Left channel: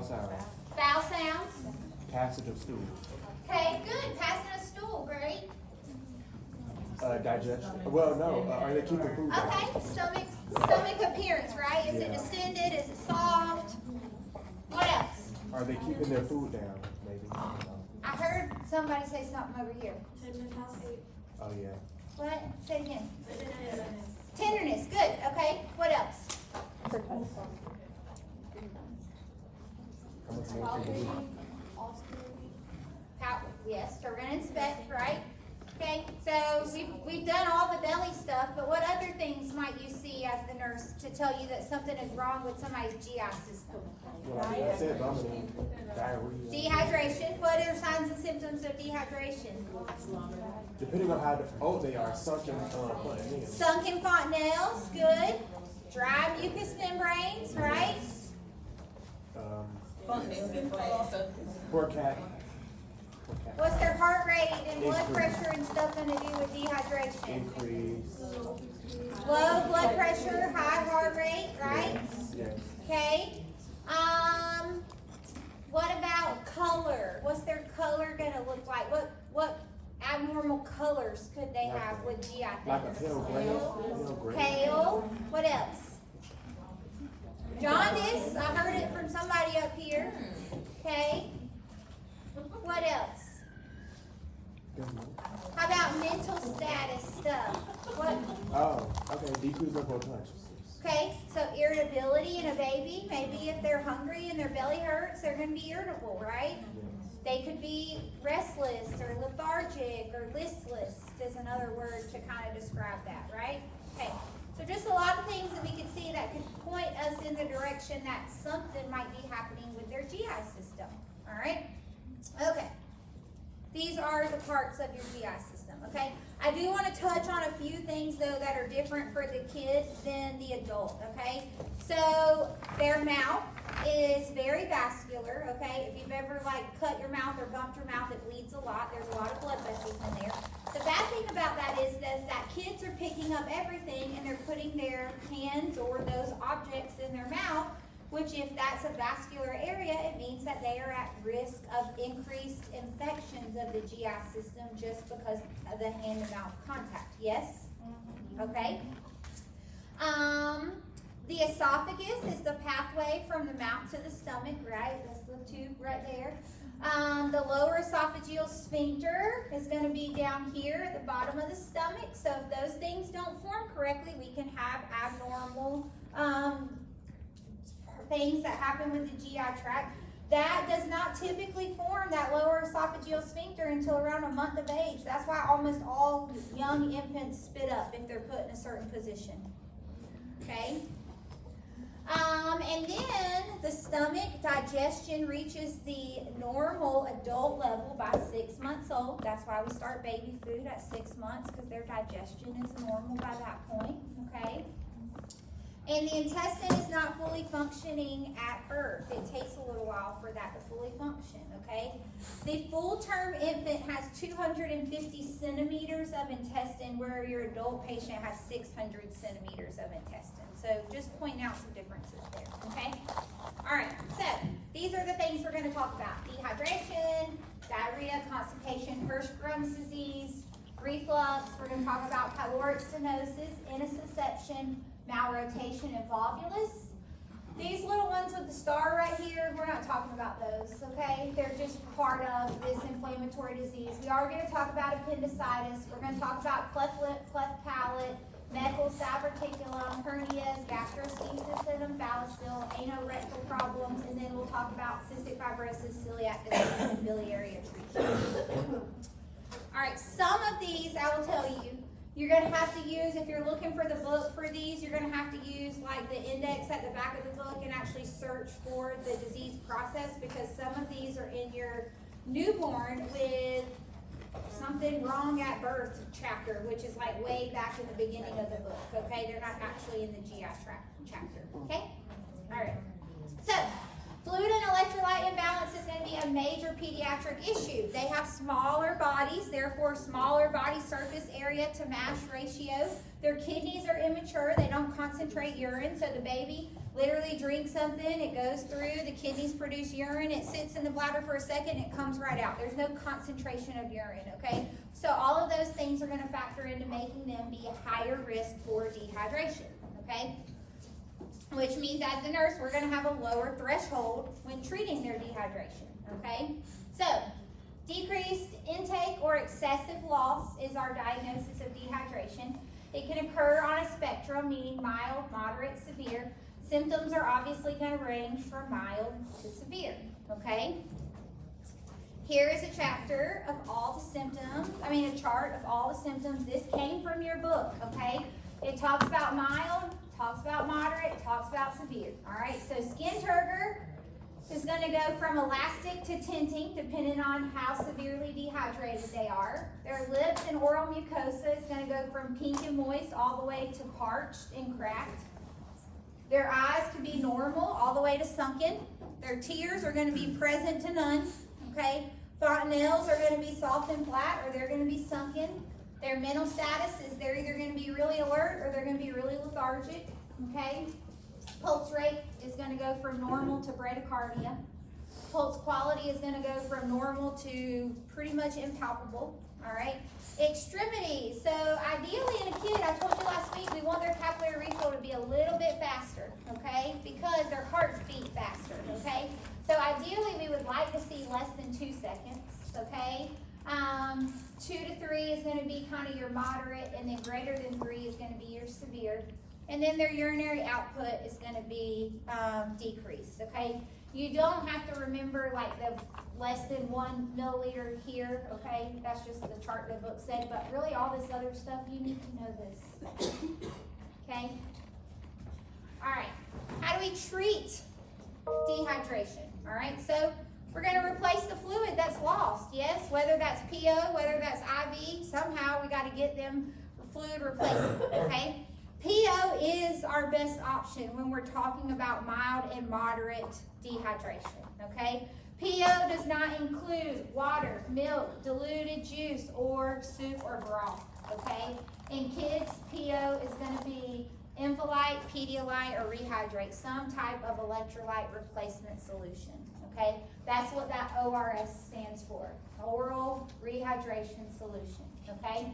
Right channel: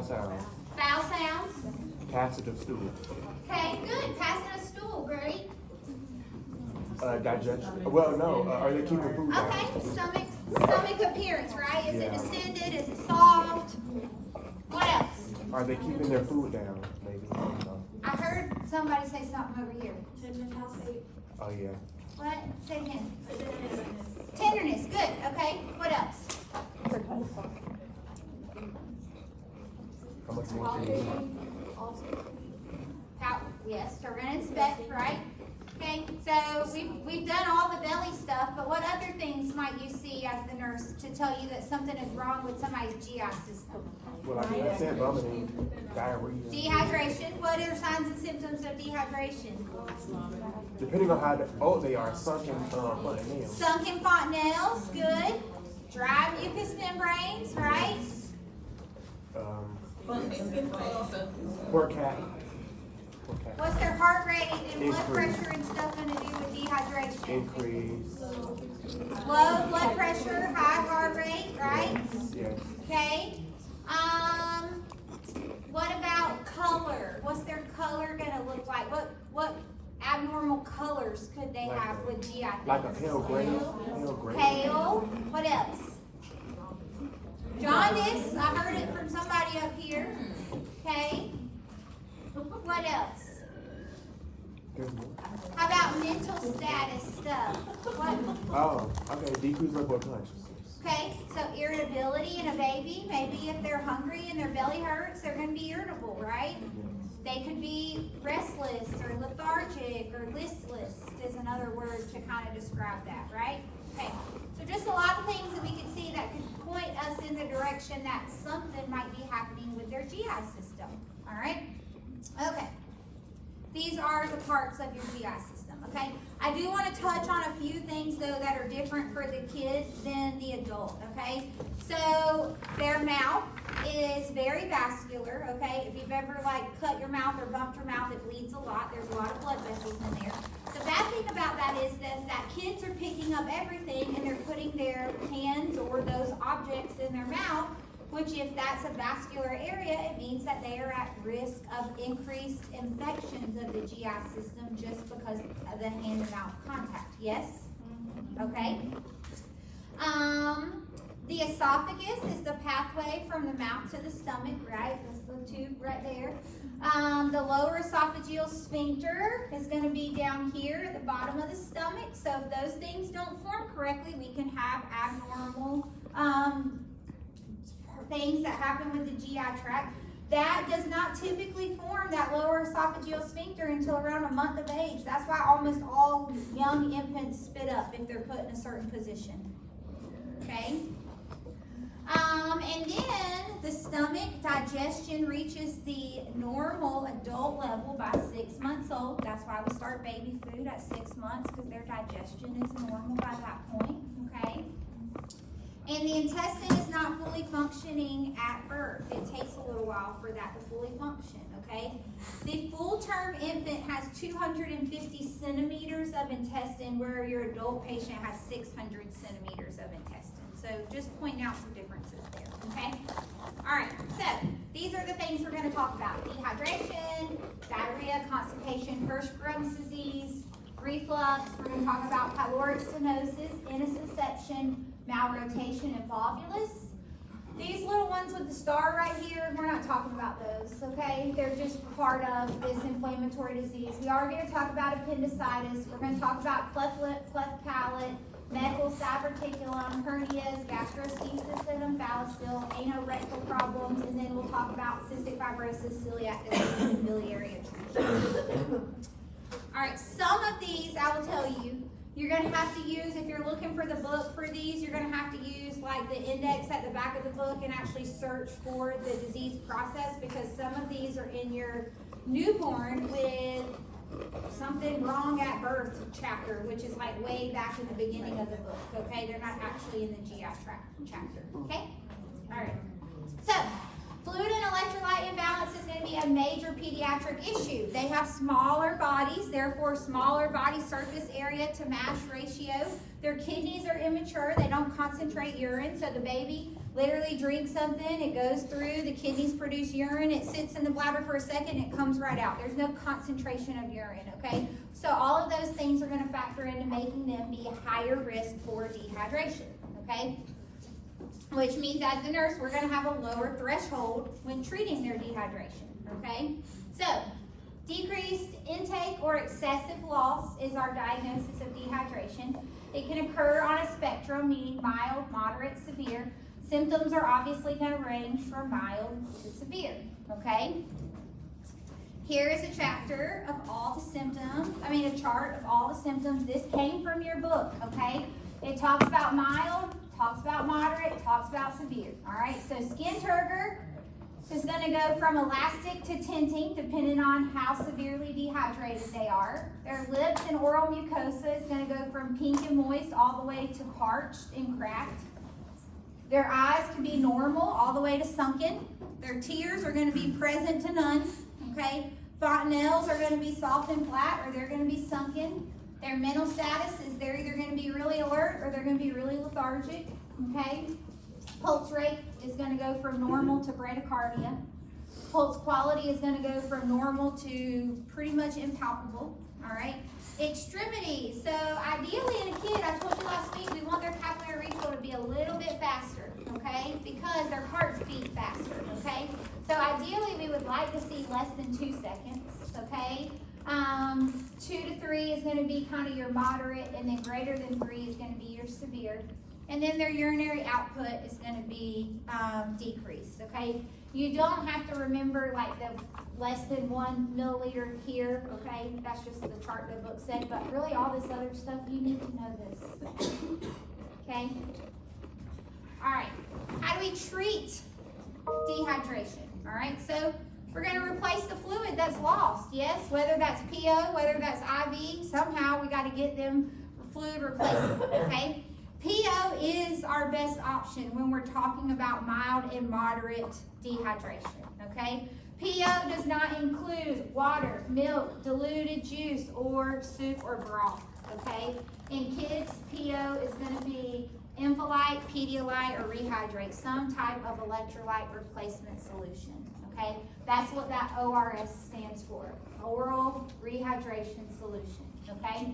Foul sounds. Foul sounds. Passage of stool. Okay, good. Passing a stool, great. Digestion. Well, no. Are they keeping food down? Okay, stomach appearance, right? Is it distended? Is it soft? What else? Are they keeping their food down? Maybe. I heard somebody say something over here. Oh yeah. What? Say it again. Tenderness. Good. Okay. What else? Yes, we're going to inspect, right? Okay, so we've done all the belly stuff, but what other things might you see as the nurse to tell you that something is wrong with somebody's GI system? Well, I said vomiting, diarrhea. Dehydration. What are signs and symptoms of dehydration? Depending on how old they are, sunken fontanelles. Sunken fontanelles, good. Dry mucous membranes, right? Poor cat. What's their heart rate and blood pressure and stuff going to do with dehydration? Increase. Low blood pressure, high heart rate, right? Yes. Okay. What about color? What's their color going to look like? What abnormal colors could they have with GI? Like a pale gray. Pale. What else? Jaundice. I heard it from somebody up here. Okay. What else? How about mental status stuff? What? Oh, okay. Decrease of blood consciousness. Okay, so irritability in a baby. Maybe if they're hungry and their belly hurts, they're going to be irritable, right? They could be restless or lethargic or listless is another word to kind of describe that, right? Okay, so just a lot of things that we can see that could point us in the direction that something might be happening with their GI system, all right? Okay, these are the parts of your GI system, okay? I do want to touch on a few things, though, that are different for the kid than the adult, okay? So their mouth is very vascular, okay? If you've ever, like, cut your mouth or bumped your mouth, it bleeds a lot. There's a lot of blood vessels in there. The bad thing about that is that kids are picking up everything, and they're putting their hands or those objects in their mouth, which if that's a vascular area, it means that they are at risk of increased infections of the GI system just because of the hand-mouth contact. Yes? Okay. The esophagus is the pathway from the mouth to the stomach, right? That's the tube right there. The lower esophageal sphincter is going to be down here at the bottom of the stomach. So if those things don't form correctly, we can have abnormal things that happen with the GI tract. That does not typically form, that lower esophageal sphincter, until around a month of age. That's why almost all young infants spit up if they're put in a certain position. Okay? And then the stomach digestion reaches the normal adult level by 6 months old. That's why we start baby food at 6 months, because their digestion is normal by that point. Okay? And the intestine is not fully functioning at birth. It takes a little while for that to fully function, okay? The full-term infant has 250 centimeters of intestine, where your adult patient has 600 centimeters of intestine. So just pointing out some differences there, okay? All right, so these are the things we're going to talk about. Dehydration, diarrhea, constipation, Hirschsprung's disease, reflux. We're going to talk about pyloric stenosis, intussusception, malrotation, and volvulus. These little ones with the star right here, we're not talking about those, okay? They're just part of this inflammatory disease. We are going to talk about appendicitis. We're going to talk about cleft lip, cleft palate, medial diverticulum, hernias, gastroschisis and umbilical, anorectal problems, and then we'll talk about cystic fibrosis, celiac disease, and biliary atresia. All right, some of these I will tell you, you're going to have to use, if you're looking for the book for these, you're going to have to use like the index at the back of the book and actually search for the disease process, because some of these are in your newborn with something wrong at birth chapter, which is like way back in the beginning of the book, okay? They're not actually in the GI tract chapter, okay? All right. So, fluid and electrolyte imbalance is going to be a major pediatric pediatric issue. They have smaller bodies, therefore smaller body surface area to mass ratio. Their kidneys are immature, they don't concentrate urine, so the baby literally drinks something, it goes through, the kidneys produce urine, it sits in the bladder for a second, it comes right out. There's no concentration of urine, okay? So all of those things are going to factor into making them be a higher risk for dehydration, okay? Which means as the nurse, we're going to have a lower threshold when treating their dehydration, okay? So, decreased intake or excessive loss is our diagnosis of dehydration. It can occur on a spectrum, meaning mild, moderate, severe. Symptoms are obviously going to range from mild to severe, okay? Here is a chapter of all the symptoms, a chart of all the symptoms. This came from your book, okay? It talks about mild, talks about moderate, talks about severe, all right? So skin turgor is going to go from elastic to tinting, depending on how severely dehydrated they are. Their lips and oral mucosa is going to go from pink and moist all the way to parched and cracked. Their eyes can be normal all the way to sunken. Their tears are going to be present to none, okay? Fontanelles are going to be soft and flat, or they're going to be sunken. Their mental status is they're either going to be really alert or they're going to be really lethargic, okay? Pulse rate is going to go from normal to bradycardia. Pulse quality is going to go from normal to pretty much impalpable, all right? Extremities. So ideally in a kid, I told you last week, we want their capillary refill to be a little bit faster, okay? Because their hearts beat faster, okay? So ideally we would like to see less than 2 seconds, okay? 2 to 3 is going to be kind of your moderate, and then greater than 3 is going to be your severe. And then their urinary output is going to be decreased, okay? You don't have to remember like the less than 1 milliliter here, okay? That's just the chart the book said, but really all this other stuff, you need to know this, okay? All right, how do we treat dehydration? All right, so we're going to replace the fluid that's lost, yes? Whether that's PO, whether that's IV, somehow we got to get them fluid replacement, okay? PO is our best option when we're talking about mild and moderate dehydration, okay? PO does not include water, milk, diluted juice, or soup or broth, okay? In kids, PO is going to be Infolite, Pedialyte, or Rehydrate, some type of electrolyte replacement solution, okay? That's what that ORS stands for, oral rehydration solution, okay?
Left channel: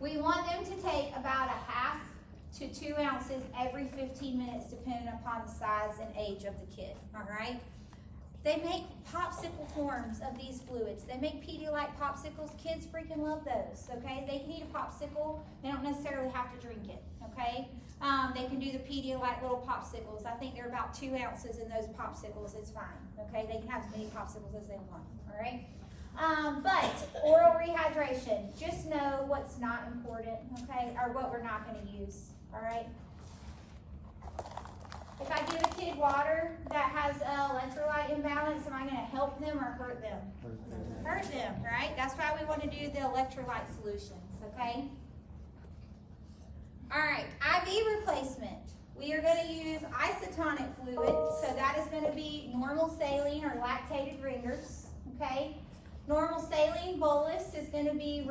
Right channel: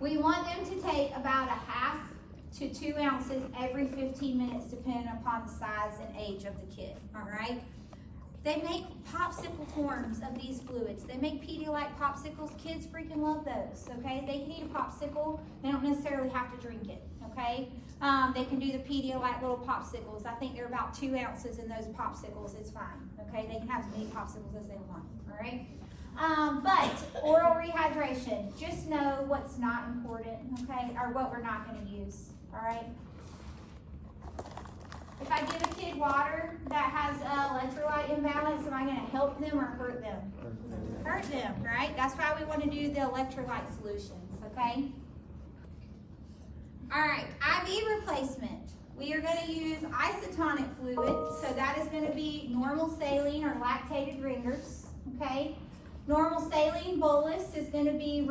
We want them to take about 1/2 to 2 ounces every 15 minutes, depending upon the size and age of the kid, all right? They make popsicle forms of these fluids. They make Pedialyte popsicles. Kids freaking love those, okay? They can eat a popsicle. They don't necessarily have to drink it, okay? They can do the Pedialyte little popsicles. I think they're about 2 ounces in those popsicles. It's fine, okay? They can have as many popsicles as they want, all right? But oral rehydration, just know what's not important, okay? Or what we're not going to use, all right? If I give a kid water that has electrolyte imbalance, am I going to help them or hurt them? Hurt them, right? That's why we want to do the electrolyte solutions, okay? All right, IV replacement. We are going to use isotonic fluid, so that is going to be normal saline or lactated ringers, okay? Normal saline bolus is going to be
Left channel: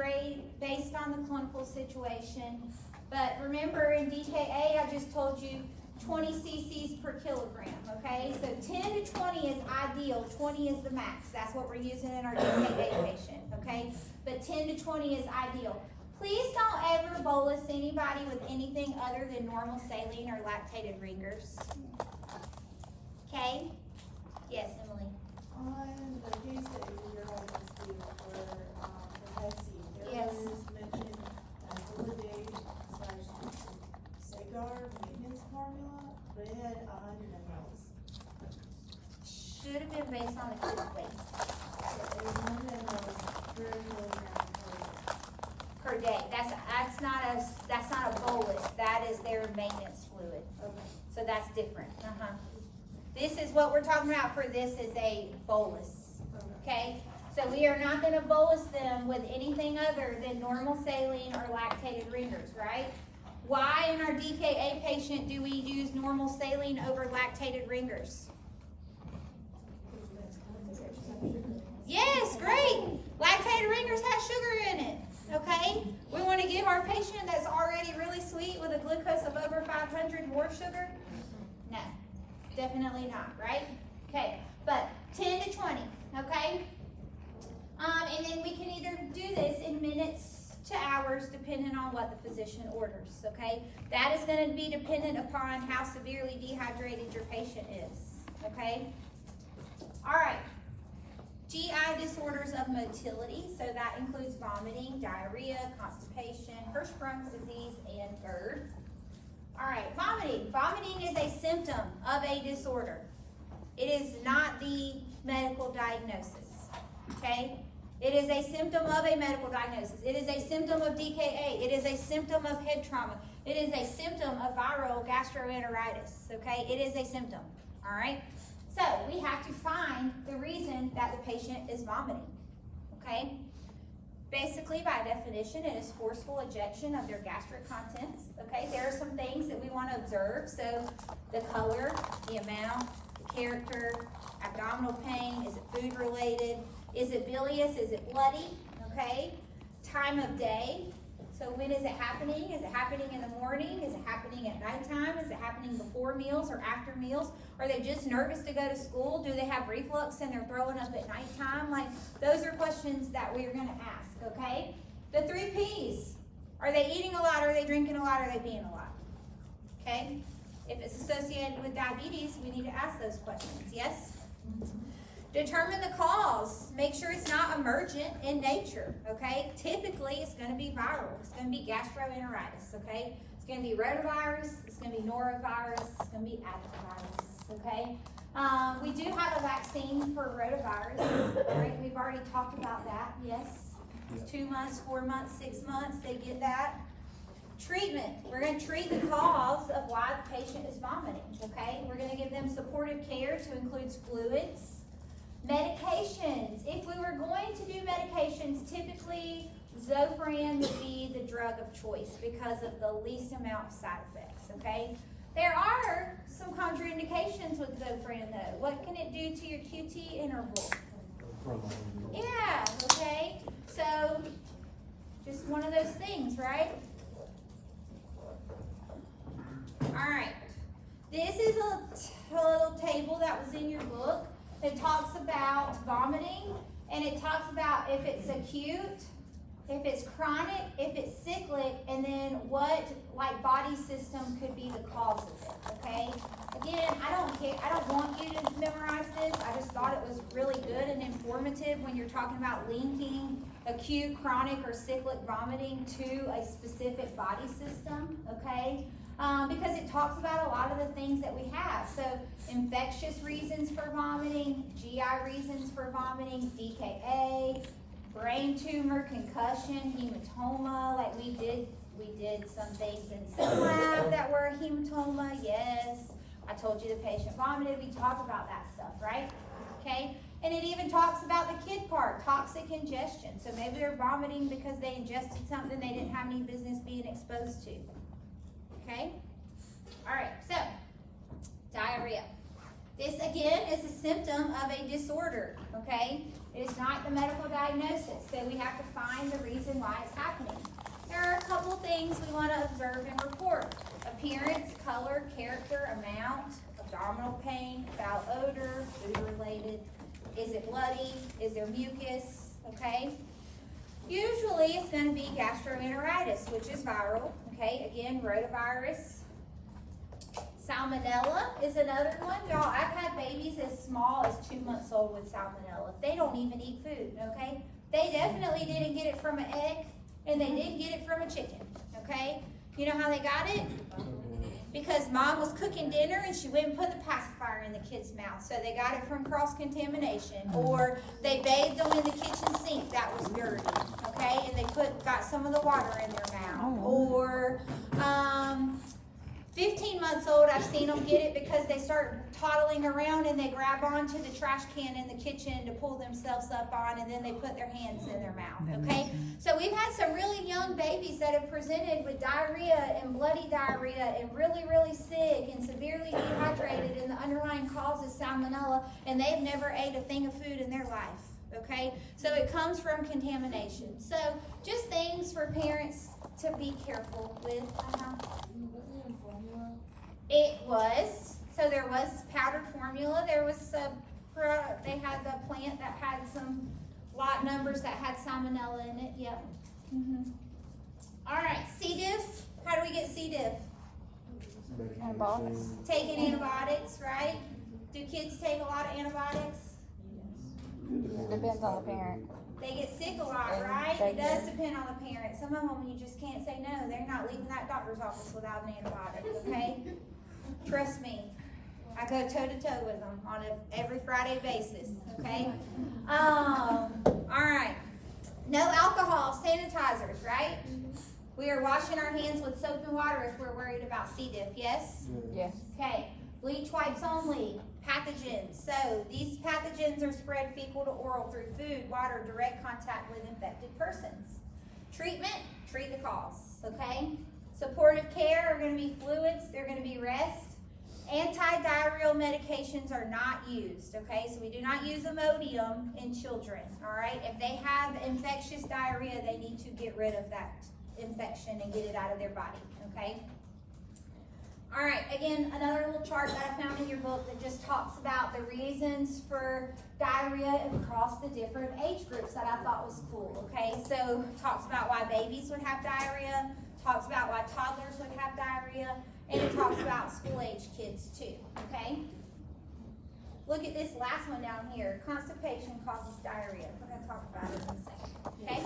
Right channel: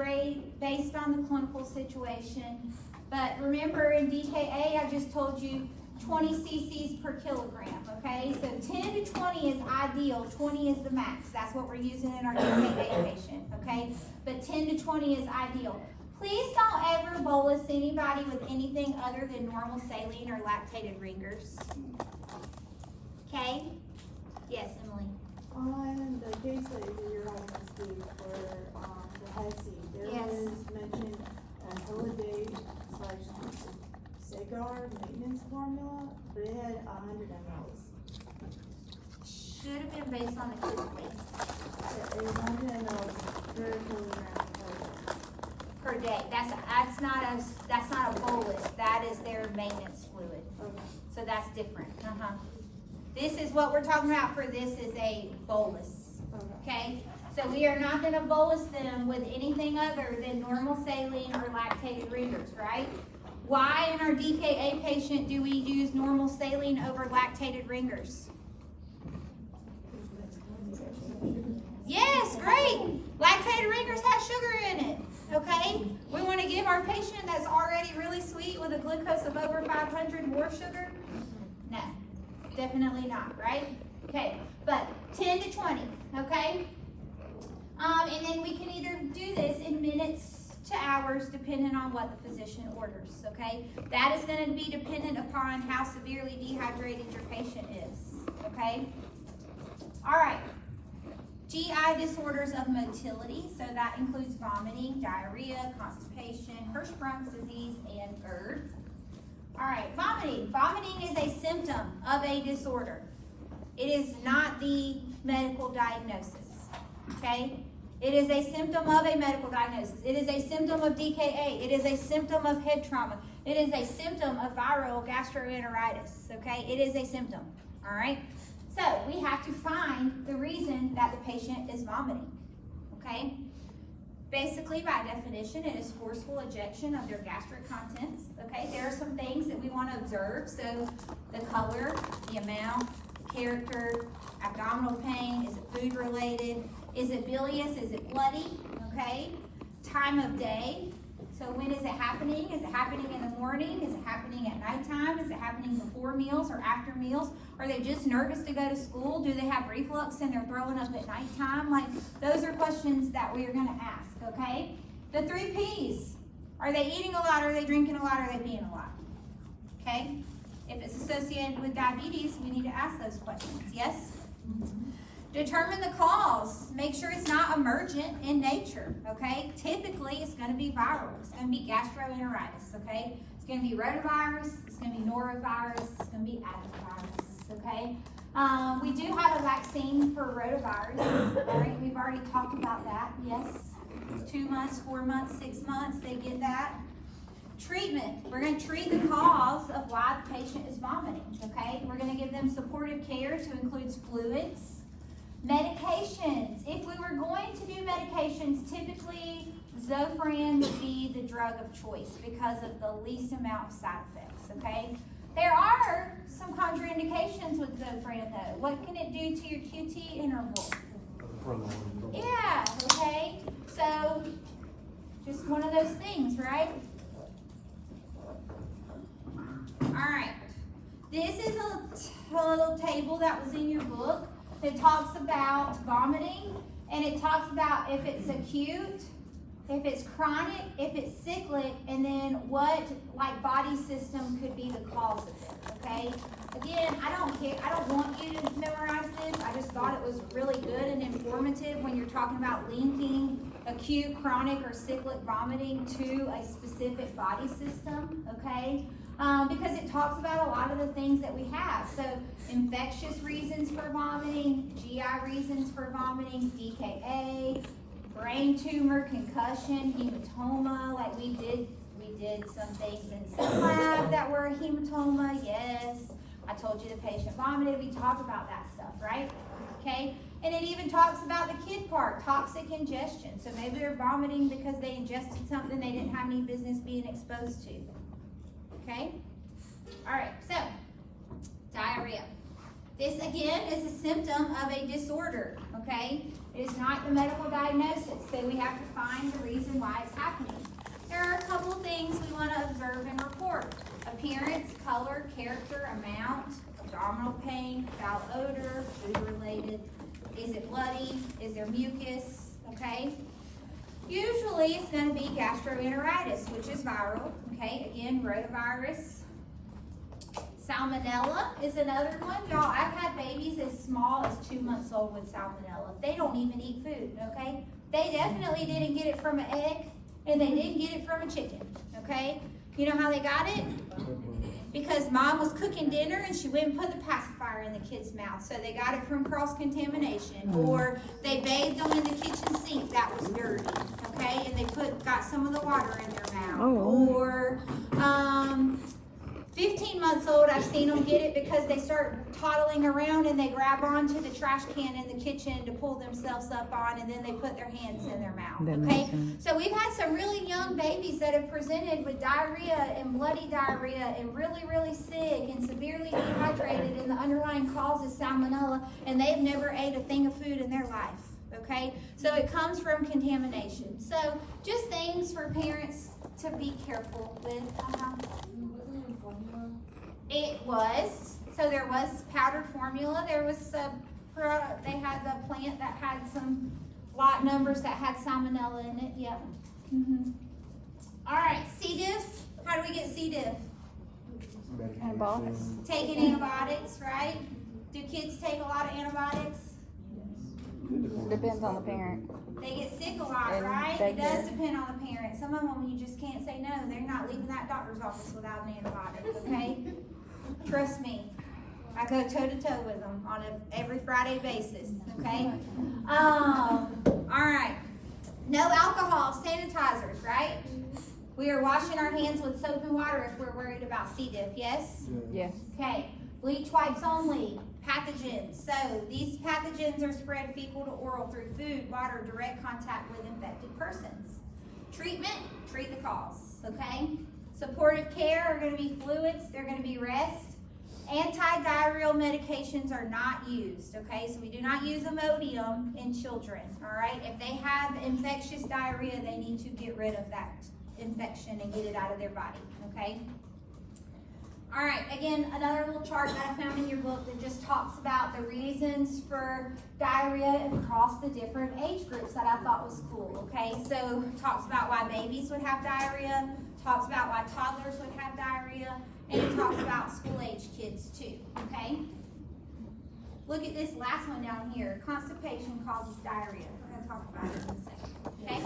based on the clinical situation. But remember in DKA, I just told you 20 cc's per kilogram, okay? So 10 to 20 is ideal, 20 is the max. That's what we're using in our DKA patient, okay? But 10 to 20 is ideal. Please don't ever bolus anybody with anything other than normal saline or lactated ringers. Okay? Yes, Emily. On the case study that you're having us do for the head seat, there Yes. was mentioned a Holiday / Sagar maintenance formula, but it had 100 mLs. Should have been based on the kid's weight So it was 100 mLs per kilogram per day. That's not a bolus. That is their maintenance fluid. Okay. So that's different. This is what we're talking about for this is a bolus. Okay? So we are not going to bolus them with anything other than normal saline or lactated ringers, right? Why in our DKA patient do we use normal saline over lactated ringers? give our patient that's already really sweet with a glucose of over 500 more sugar? No, definitely not, right? Okay, but 10 to 20, okay? And then we can either do this in minutes to hours depending on what the physician orders, okay? That is going to be dependent upon how severely dehydrated your patient is, okay? All right. GI disorders of motility, so that includes vomiting, diarrhea, constipation, Hirschsprung's disease, and GERD. All right, vomiting. Vomiting is a symptom of a disorder. It is not the medical diagnosis, okay? It is a symptom of a medical diagnosis. It is a symptom of DKA. It is a symptom of head trauma. It is a symptom of viral gastroenteritis, okay? It is a symptom, all right? So we have to find the reason that the patient is vomiting, okay? Basically, by definition, it is forceful ejection of their gastric contents, okay? There are some things that we want to observe. So the color, the amount, the character, abdominal pain, is it food related? Is it bilious? Is it bloody? Okay. Time of day. So when is it happening? Is it happening in the morning? Is it happening at nighttime? Is it happening before meals or after meals? Are they just nervous to go to school? Do they have reflux and they're throwing up at nighttime? Like, those are questions that we are going to ask, okay? The 3 Ps. Are they eating a lot? Are they drinking a lot? Are they peeing a lot? Okay? If it's associated with diabetes, we need to ask those questions, yes? Determine the cause. Make sure it's not emergent in nature, okay? Typically, it's going to be viral. It's going to be gastroenteritis, okay? It's going to be rotavirus. It's going to be norovirus. It's going to be adenovirus, okay? We do have a vaccine for rotavirus, all right? We've already talked about that, yes? 2 months, 4 months, 6 months, they get that. Treatment. We're going to treat the cause of why the patient is vomiting, okay? We're going to give them supportive care to include fluids. Medications. If we were going to do medications, typically Zofran would be the drug of choice because of the least amount of side effects, okay? There are some contraindications with Zofran though. What can it do to your QT interval? Yeah, okay? So, just one of those things, right? Alright. This is a little table that was in your book. It talks about vomiting, and it talks about if it's acute, if it's chronic, if it's cyclic, and then what body system could be the cause of it, okay? Again, I don't want you to memorize this. I just thought it was really good and informative when you're talking about linking acute, chronic, or cyclic vomiting to a specific body system, okay? Because it talks about a lot of the things that we have. So infectious reasons for vomiting, GI reasons for vomiting, DKA, brain tumor, concussion, hematoma. Like we did some things in some lab that were a hematoma. Yes, I told you the patient vomited. We talked about that stuff, right? Okay. And it even talks about the kid part, toxic ingestion. So maybe they're vomiting because they ingested something they didn't have any business being exposed to. Okay? All right, so diarrhea. This again is a symptom of a disorder, okay? It is not the medical diagnosis, so we have to find the reason why it's happening. There are a couple things we want to observe and report. Appearance, color, character, amount, abdominal pain, foul odor, food related. Is it bloody? Is there mucus? Okay? Usually it's going to be gastroenteritis, which is viral. Okay, again, rotavirus. Salmonella is another one. Y'all, I've had babies as small as 2 months old with salmonella. They don't even eat food, okay? They definitely didn't get it from an egg, and they didn't get it from a chicken, okay? You know how they got it? Because mom was cooking dinner and she went and put the pacifier in the kid's mouth. So they got it from cross-contamination. Or they bathed them in the kitchen sink that was dirty, okay? And they got some of the water in their mouth. Oh. Or 15 months old, I've seen them get it because they start toddling around and they grab onto the trash can in the kitchen to pull themselves up on, and then they put their hands in their mouth, okay? So we've had some really young babies that have presented with diarrhea and bloody diarrhea and really, really sick and severely dehydrated, and the underlying cause is salmonella, and they've never ate a thing of food in their life, okay? So it comes from contamination. So just things for parents to be careful with. It was. So there was powdered formula. There was they had the plant that had some lot numbers that had salmonella in it. Yep. All right, C. diff. How do we get C. diff? Medication. Taking antibiotics, right? Do kids take a lot of antibiotics? Depends on the parent. They get sick a lot, And right? they It does do. depend on the parent. Some of them you just can't say no. They're not leaving that doctor's office without an antibiotic, okay? Trust me. I go toe to toe with them on a every Friday basis, okay? All right. No alcohol, sanitizers, right? We are washing our hands with soap and water if we're worried about C. diff, yes? Yes. Okay, bleach wipes only, pathogens. So these pathogens are spread fecal to oral through food, water, direct contact with infected persons. Treatment, treat the cause, okay? Supportive care are gonna be fluids, they're gonna be rest. Anti-diarrheal medications are not used, okay? So we do not use Imodium in children, all right? If they have infectious diarrhea, they need to get rid of that infection and get it out of their body, okay? All right, again, another little chart that I found in your book that just talks about the reasons for diarrhea across the different age groups that I thought was cool, okay? So talks about why babies would have diarrhea, talks about why toddlers would have diarrhea, and it talks about school-age kids too, okay? Look at this last one down here. Constipation causes diarrhea. We're gonna talk about it in a second, okay?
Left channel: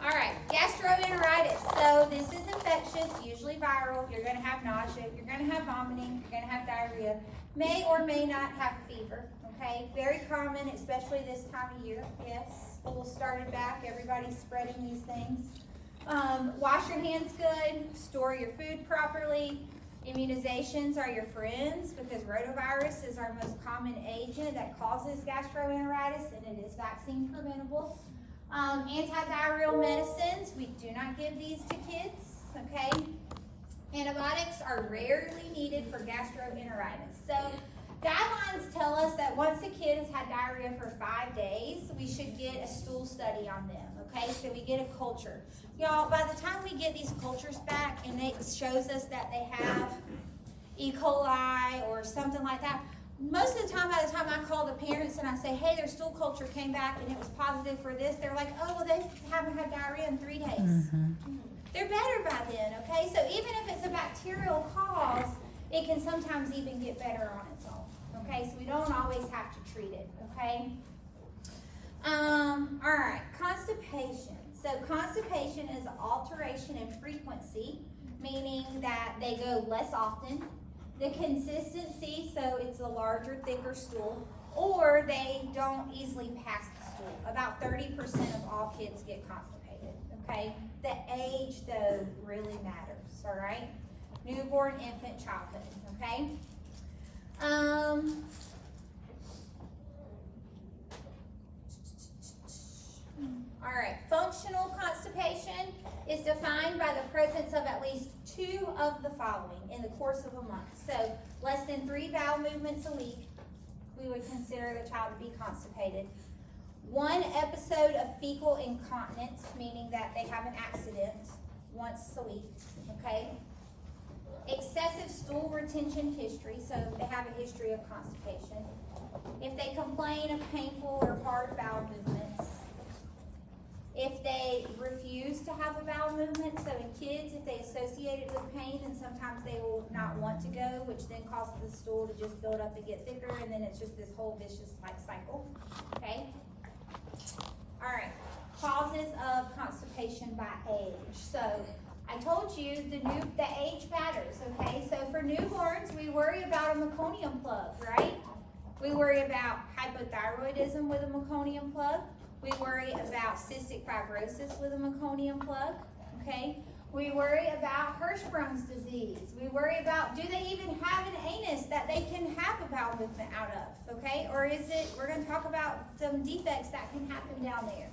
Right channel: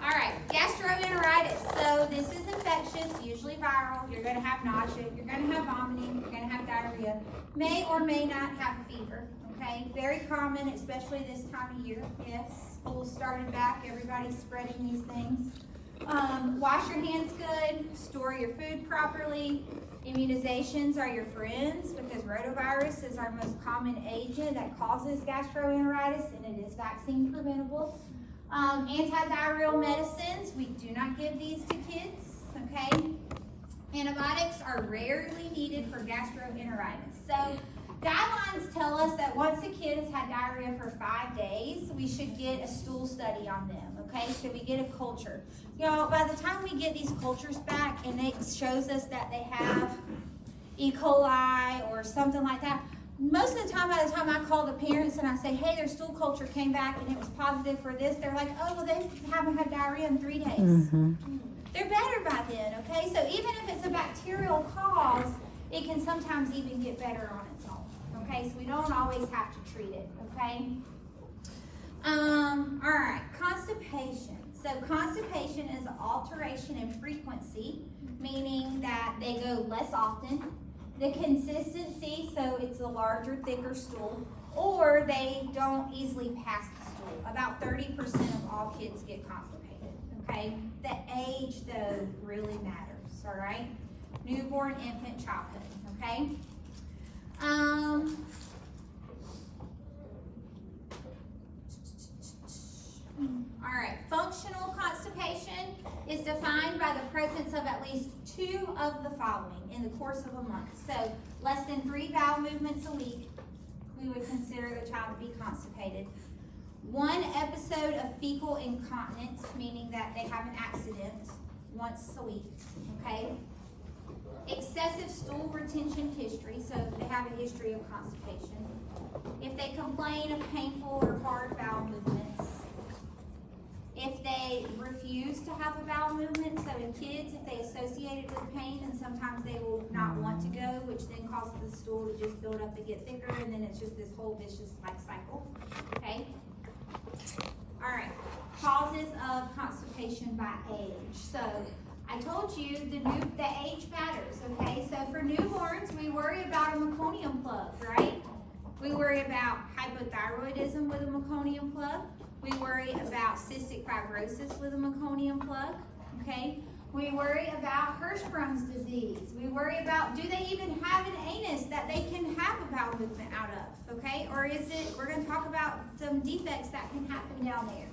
All right, gastroenteritis. So this is infectious, usually viral. You're gonna have nausea, you're gonna have vomiting, you're gonna have diarrhea. May or may not have a fever, okay? Very common, especially this time of year, yes. School started back, everybody's spreading these things. Wash your hands good, store your food properly. Immunizations are your friends because rotavirus is our most common agent that causes gastroenteritis and it is vaccine preventable. Antidiarrheal medicines, we do not give these to kids, okay? Antibiotics are rarely needed for gastroenteritis. So guidelines tell us that once a kid has had diarrhea for 5 days, we should get a stool study on them, okay? So we get a culture. Y'all, by the time we get these cultures back and it shows us that they have E. coli or something like that, most of the time, by the time I call the parents and I say, hey, their stool culture came back and it was positive for this, they're like, oh, well, they haven't had diarrhea in 3 days. They're better by then, okay? So even if it's a bacterial cause, it can sometimes even get better on its own, okay? So we don't always have to treat it, okay? All right, constipation. So constipation is an alteration in frequency, meaning that they go less often. The consistency, so it's a larger, thicker stool, or they don't easily pass the stool. About 30% of all kids get constipated, okay? The age, though, really matters, all right? Newborn, infant, childhood, okay? All right, functional constipation is defined by the presence of at least 2 of the following in the course of a month. So less than 3 bowel movements a week, we would consider the child to be constipated. 1 episode of fecal incontinence, meaning that they have an accident once a week, okay? Excessive stool retention history, so they have a history of constipation. If they complain of painful or hard bowel movements. If they refuse to have a bowel movement, so in kids, if they associate it with pain, and sometimes they will not want to go, which then causes the stool to just build up and get thicker, and then it's just this whole vicious cycle, okay? All right, causes of constipation by age. So I told you the age matters, okay? So for newborns, we worry about a meconium plug, right? We worry about hypothyroidism with a meconium plug. We worry about cystic fibrosis with a meconium plug, okay? We worry about Hirschsprung's disease. We worry about, do they even have an anus that they can have a bowel movement out of, okay? Or is it, we're gonna talk about some defects that can happen down there.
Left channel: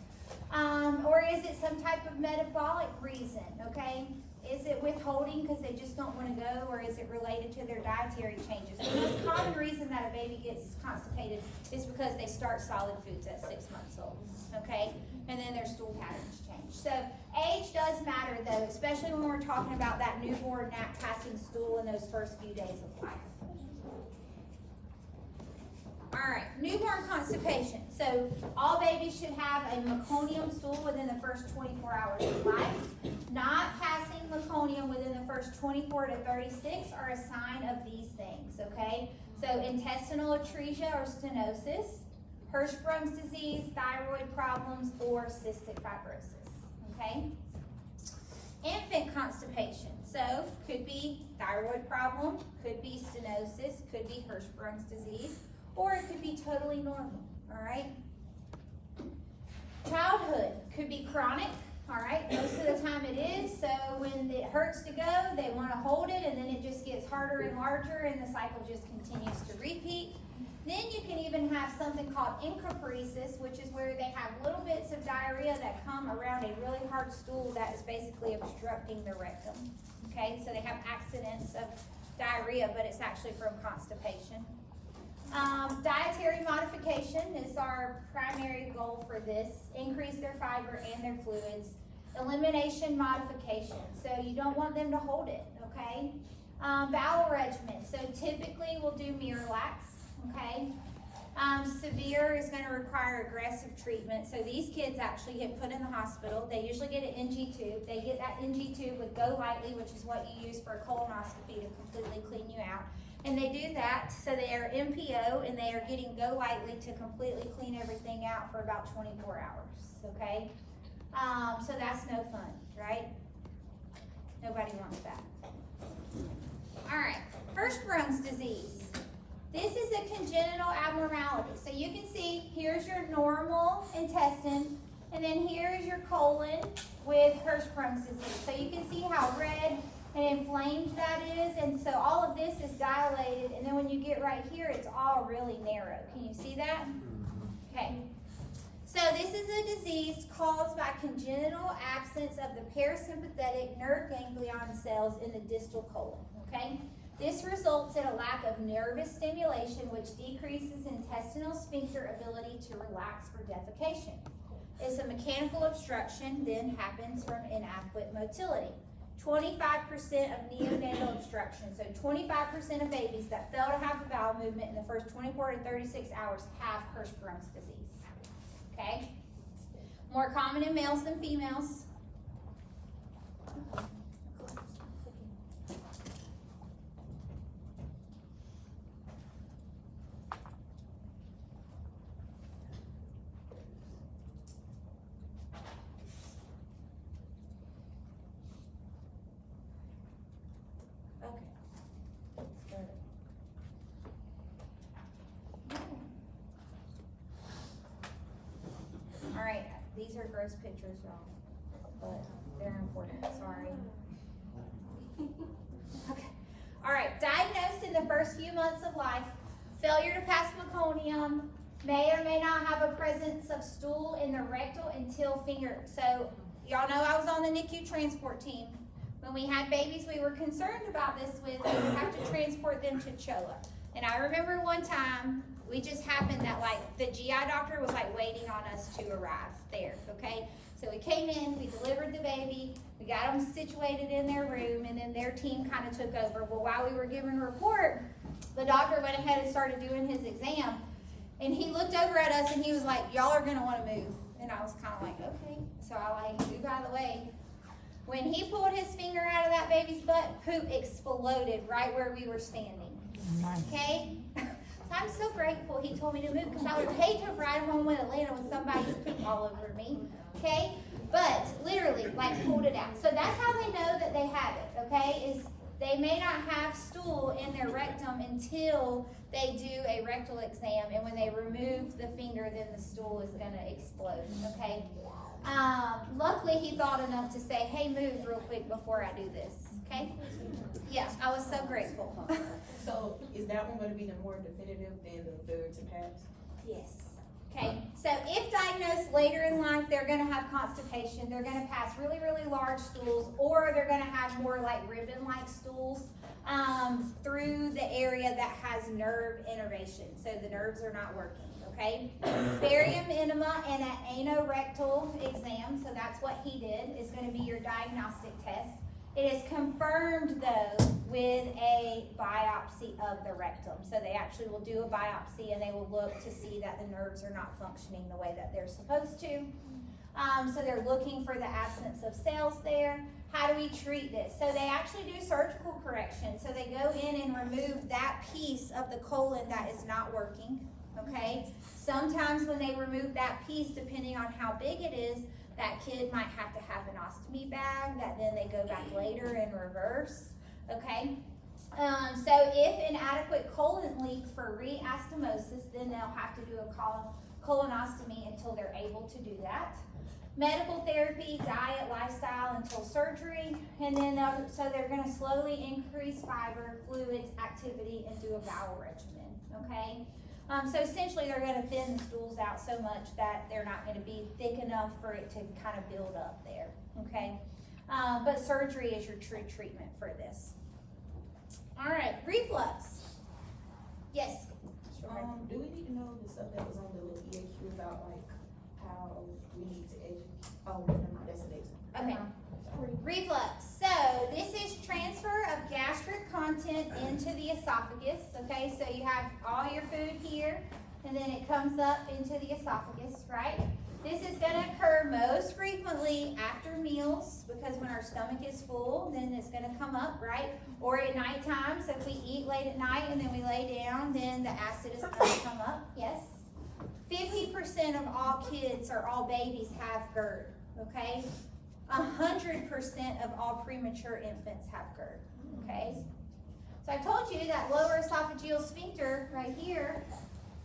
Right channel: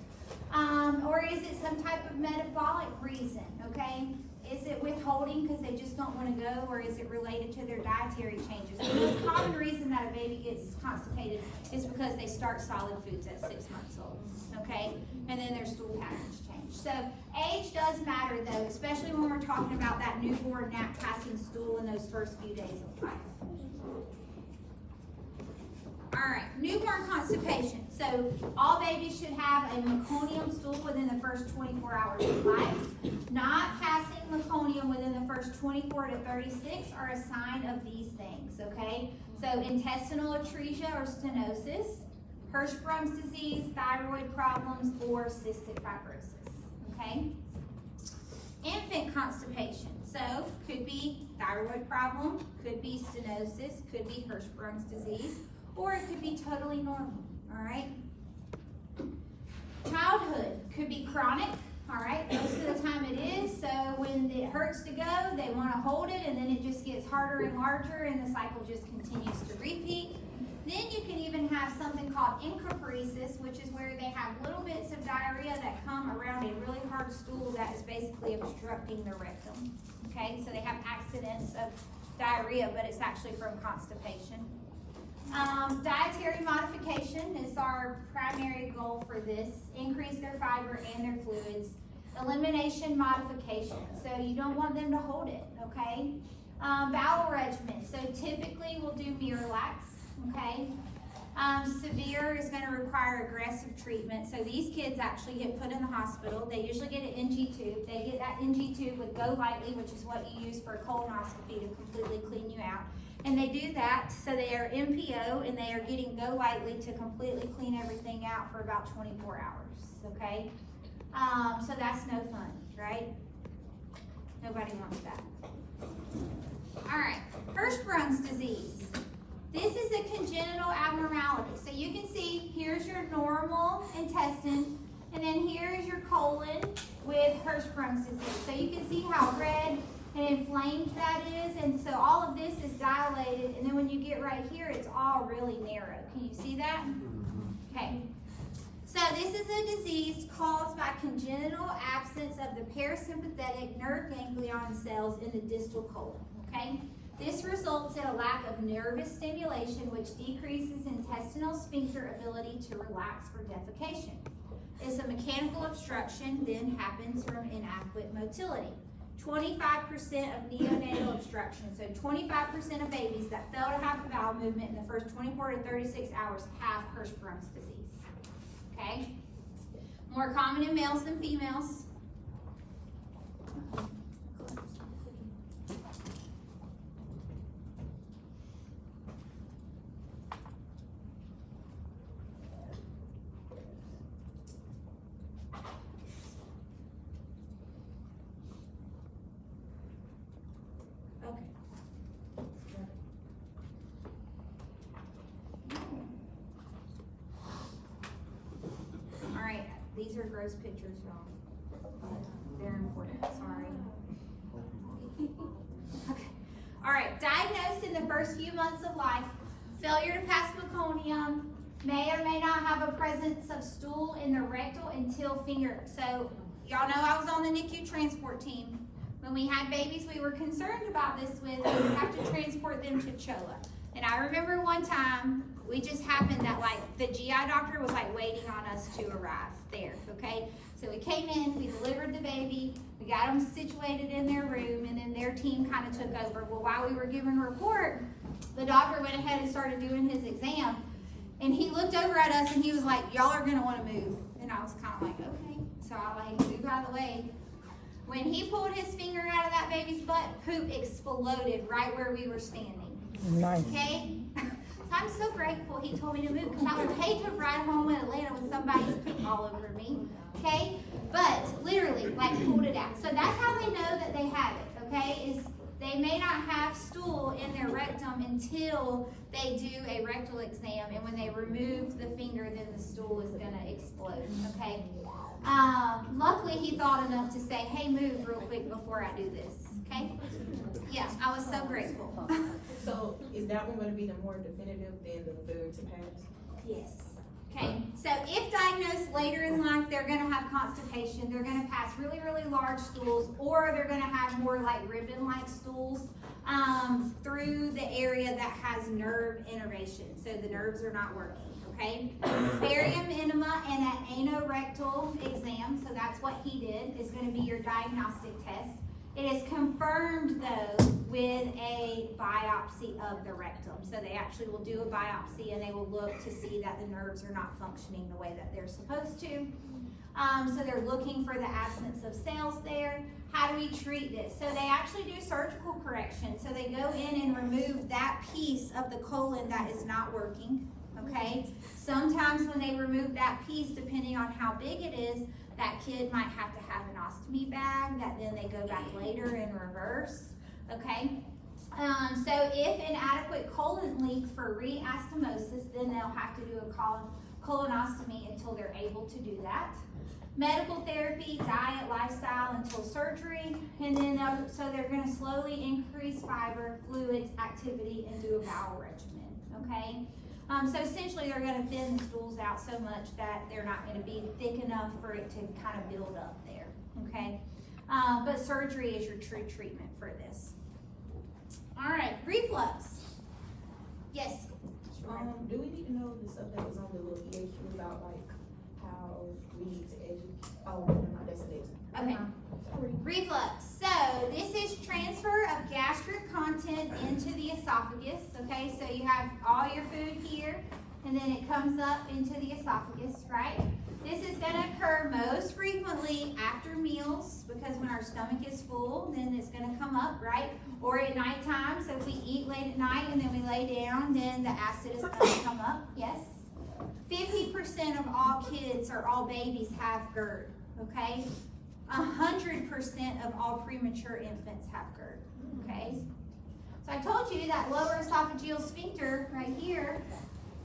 Or is it some type of metabolic reason, okay? Is it withholding because they just don't want to go, or is it related to their dietary changes? The most common reason that a baby gets constipated is because they start solid foods at 6 months old, okay? And then their stool patterns change. age. So age does matter though, especially when we're talking about that newborn nap passing stool in those first few days of life. Alright, newborn constipation. So all babies should have a meconium stool within the first 24 hours of life. Not passing meconium within the first 24 to 36 are a sign of these things, okay? So intestinal atresia or stenosis, Hirschsprung's disease, thyroid problems, or cystic fibrosis, okay? Infant constipation. So could be thyroid problem, could be stenosis, could be Hirschsprung's disease, or it could be totally normal, all right? Childhood could be chronic, all right? Most of the time it is, so when it hurts to go, they want to hold it, and then it just gets harder and larger, and the cycle just continues to repeat. Then you can even have something called encopresis, which is where they have little bits of diarrhea that come around a really hard stool that is basically obstructing the rectum, okay? So they have accidents of diarrhea, but it's actually from constipation. Dietary modification is our primary goal for this. Increase their fiber and their fluids. Elimination modification. So you don't want them to hold it, okay? Bowel regimen. So typically we'll do Miralax, okay? Severe is going to require aggressive treatment. So these kids actually get put in the hospital. They usually get an NG tube. They get that NG tube with Go Lightly, which is what you use for a colonoscopy to completely clean you out. And they do that, so they are MPO, and they are getting Go Lightly to completely clean everything out for about 24 hours, okay? So that's no fun, right? Nobody wants that. All right, Hirschsprung's disease. This is a congenital abnormality. So you can see, here's your normal intestine, and then here's your colon with Hirschsprung's disease. So you can see how red and inflamed that is, and so all of this is dilated, and then when you get right here, it's all really narrow. Can you see that? Okay. So this is a disease caused by congenital absence of the parasympathetic nerve ganglion cells in the distal colon, okay? This results in a lack of nervous stimulation, which decreases intestinal sphincter ability to relax for defecation. It's a mechanical obstruction, then happens from inadequate motility. 25% of neonatal obstruction, so 25% of babies that fail to have a bowel movement in the first 24 to 36 hours have Hirschsprung's disease, okay? More common in males than females. These are gross pictures, y'all, but they're important, sorry. Okay. All right, diagnosed in the first few months of life, failure to pass meconium, may or may not have a presence of stool in the rectal until finger. So y'all know I was on the NICU transport team. When we had babies we were concerned about this with, we would have to transport them to CHOA. And I remember one time, we just happened that like the GI doctor was like waiting on us to arrive there, okay? So we came in, we delivered the baby, we got them situated in their room, and then their team kind of took over. Well, while we were giving a report, the doctor went ahead and started doing his exam, and he looked over at us and he was like, y'all are gonna wanna move. And I was kind of like, okay. So I like moved out of the way. When he pulled his finger out of that baby's butt, poop exploded right where we were standing. Nice. Okay? So I'm so grateful he told me to move, because I would hate to ride home in Atlanta with somebody's poop all over me. Okay? But literally, like, pulled it out. So that's how they know that they have it, okay? Is they may not have stool in their rectum until they do a rectal exam, and when they remove the finger, then the stool is going to explode, okay? Luckily, he thought enough to say, hey, move real quick before I do this, okay? Yeah, I was so grateful. So is that one going to be the more definitive than the failure to pass? Yes. Okay, so if diagnosed later in life, they're going to have constipation, they're going to pass really, really large stools, or they're going to have more like ribbon-like stools. through the area that has nerve innervation, so the nerves are not working, okay? Barium enema and an anorectal exam, so that's what he did, is gonna be your diagnostic test. It is confirmed though with a biopsy of the rectum. So they actually will do a biopsy and they will look to see that the nerves are not functioning the way that they're supposed to. So they're looking for the absence of cells there. How do we treat this? So they actually do surgical correction. So they go in and remove that piece of the colon that is not working, okay? Sometimes when they remove that piece, depending on how big it is, that kid might have to have an ostomy bag that then they go back later in reverse, okay? So if inadequate colon leak for re-anastomosis, then they'll have to do a colonostomy until they're able to do that. Medical therapy, diet, lifestyle until surgery, and then so they're gonna slowly increase fiber, fluids, activity, and do a bowel regimen, okay? So essentially they're gonna thin the stools out so much that they're not gonna be thick enough for it to kind of build up there, okay? But surgery is your true treatment for this. All right, reflux. Yes? Do we need to know the stuff that was on the little EAQ about like how we need to educate? Oh, never mind, that's the next one. Okay. Sorry. Reflux. So this is transfer of gastric content into the esophagus. Okay, so you have all your food here, and then it comes up into the esophagus, right? This is going to occur most frequently after meals, because when our stomach is full, then it's going to come up, right? Or at nighttime, so if we eat late at night and then we lay down, then the acid is going to come up, yes? 50% of all kids or all babies have GERD, okay? 100% of all premature infants have GERD, okay? So I told you that lower esophageal sphincter right here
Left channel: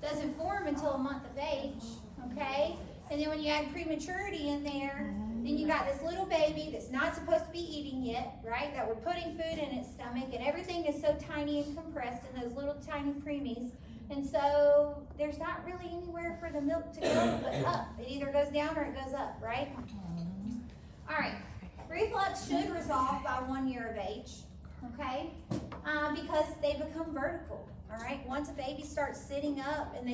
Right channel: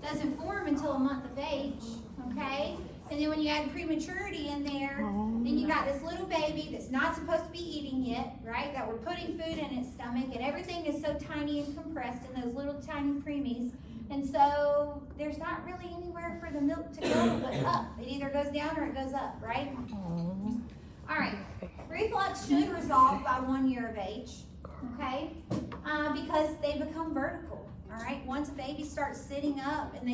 doesn't form until a month of age, okay? And then when you add prematurity in there, then you got this little baby that's not supposed to be eating yet, right? That we're putting food in its stomach, and everything is so tiny and compressed in those little tiny preemies. And so there's not really anywhere for the milk to go but up. It either goes down or it goes up, right? All right, reflux should resolve by 1 year of age, okay? Because they become vertical, all right? Once a baby starts sitting up and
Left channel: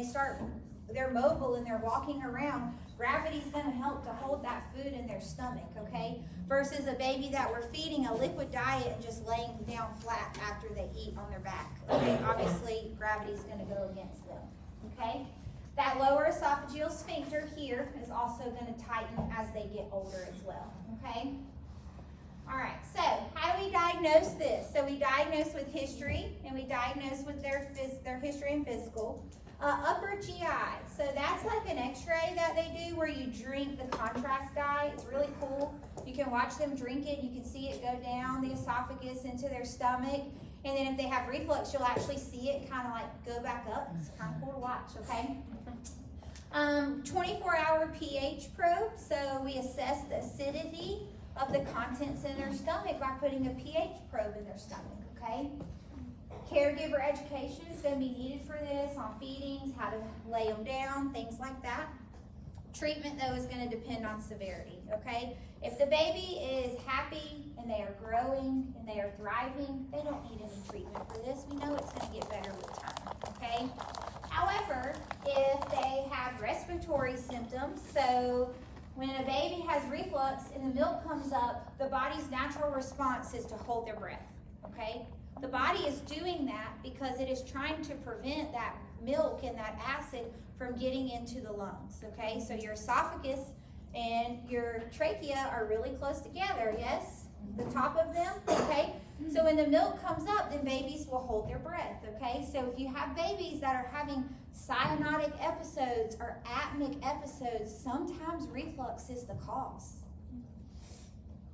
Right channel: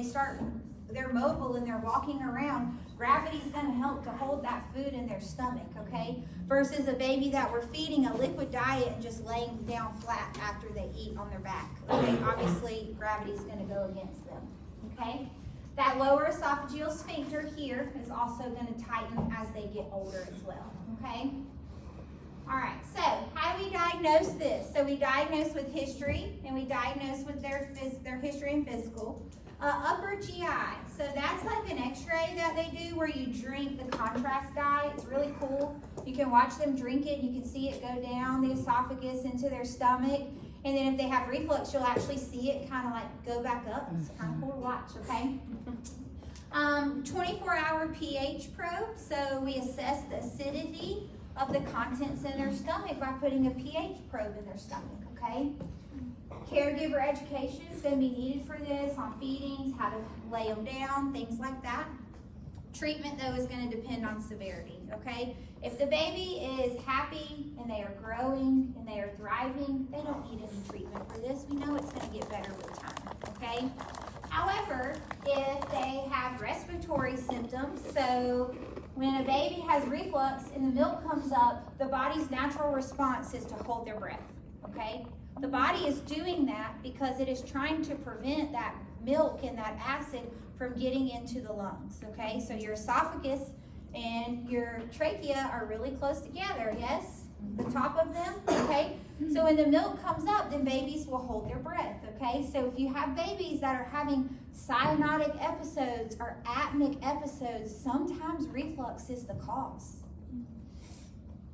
they're mobile and they're walking around, gravity's gonna help to hold that food in their stomach, okay? Versus a baby that we're feeding a liquid diet and just laying down flat after they eat on their back, okay? Obviously, gravity's gonna go against them, okay? That lower esophageal sphincter here is also gonna tighten as they get older as well, okay? All right, so how do we diagnose this? So we diagnose with history, and we diagnose with their history and physical. Upper GI, so that's like an x-ray that they do where you drink the contrast dye. It's really cool. You can watch them drink it. You can see it go down the esophagus into their stomach. And then if they have reflux, you'll actually see it kind of like go back up. It's kind of cool to watch, okay? 24-hour pH probe, so we assess the acidity of the contents in their stomach by putting a pH probe in their stomach, okay? Caregiver education is going to be needed for this on feedings, how to lay them down, things like that. Treatment, though, is going to depend on severity, okay? If the baby is happy and they are growing and they are thriving, they don't need any treatment for this. We know it's going to get better with time, okay? However, if they have respiratory symptoms, so when a baby has reflux and the milk comes up, the body's natural response is to hold their breath, okay? The body is doing that because it is trying to prevent that milk and that acid from getting into the lungs, okay? So your esophagus and your trachea are really close together, yes? The top of them, okay? So when the milk comes up, then babies will hold their breath, okay? So if you have babies that are having cyanotic episodes or apneic episodes, sometimes reflux is the cause,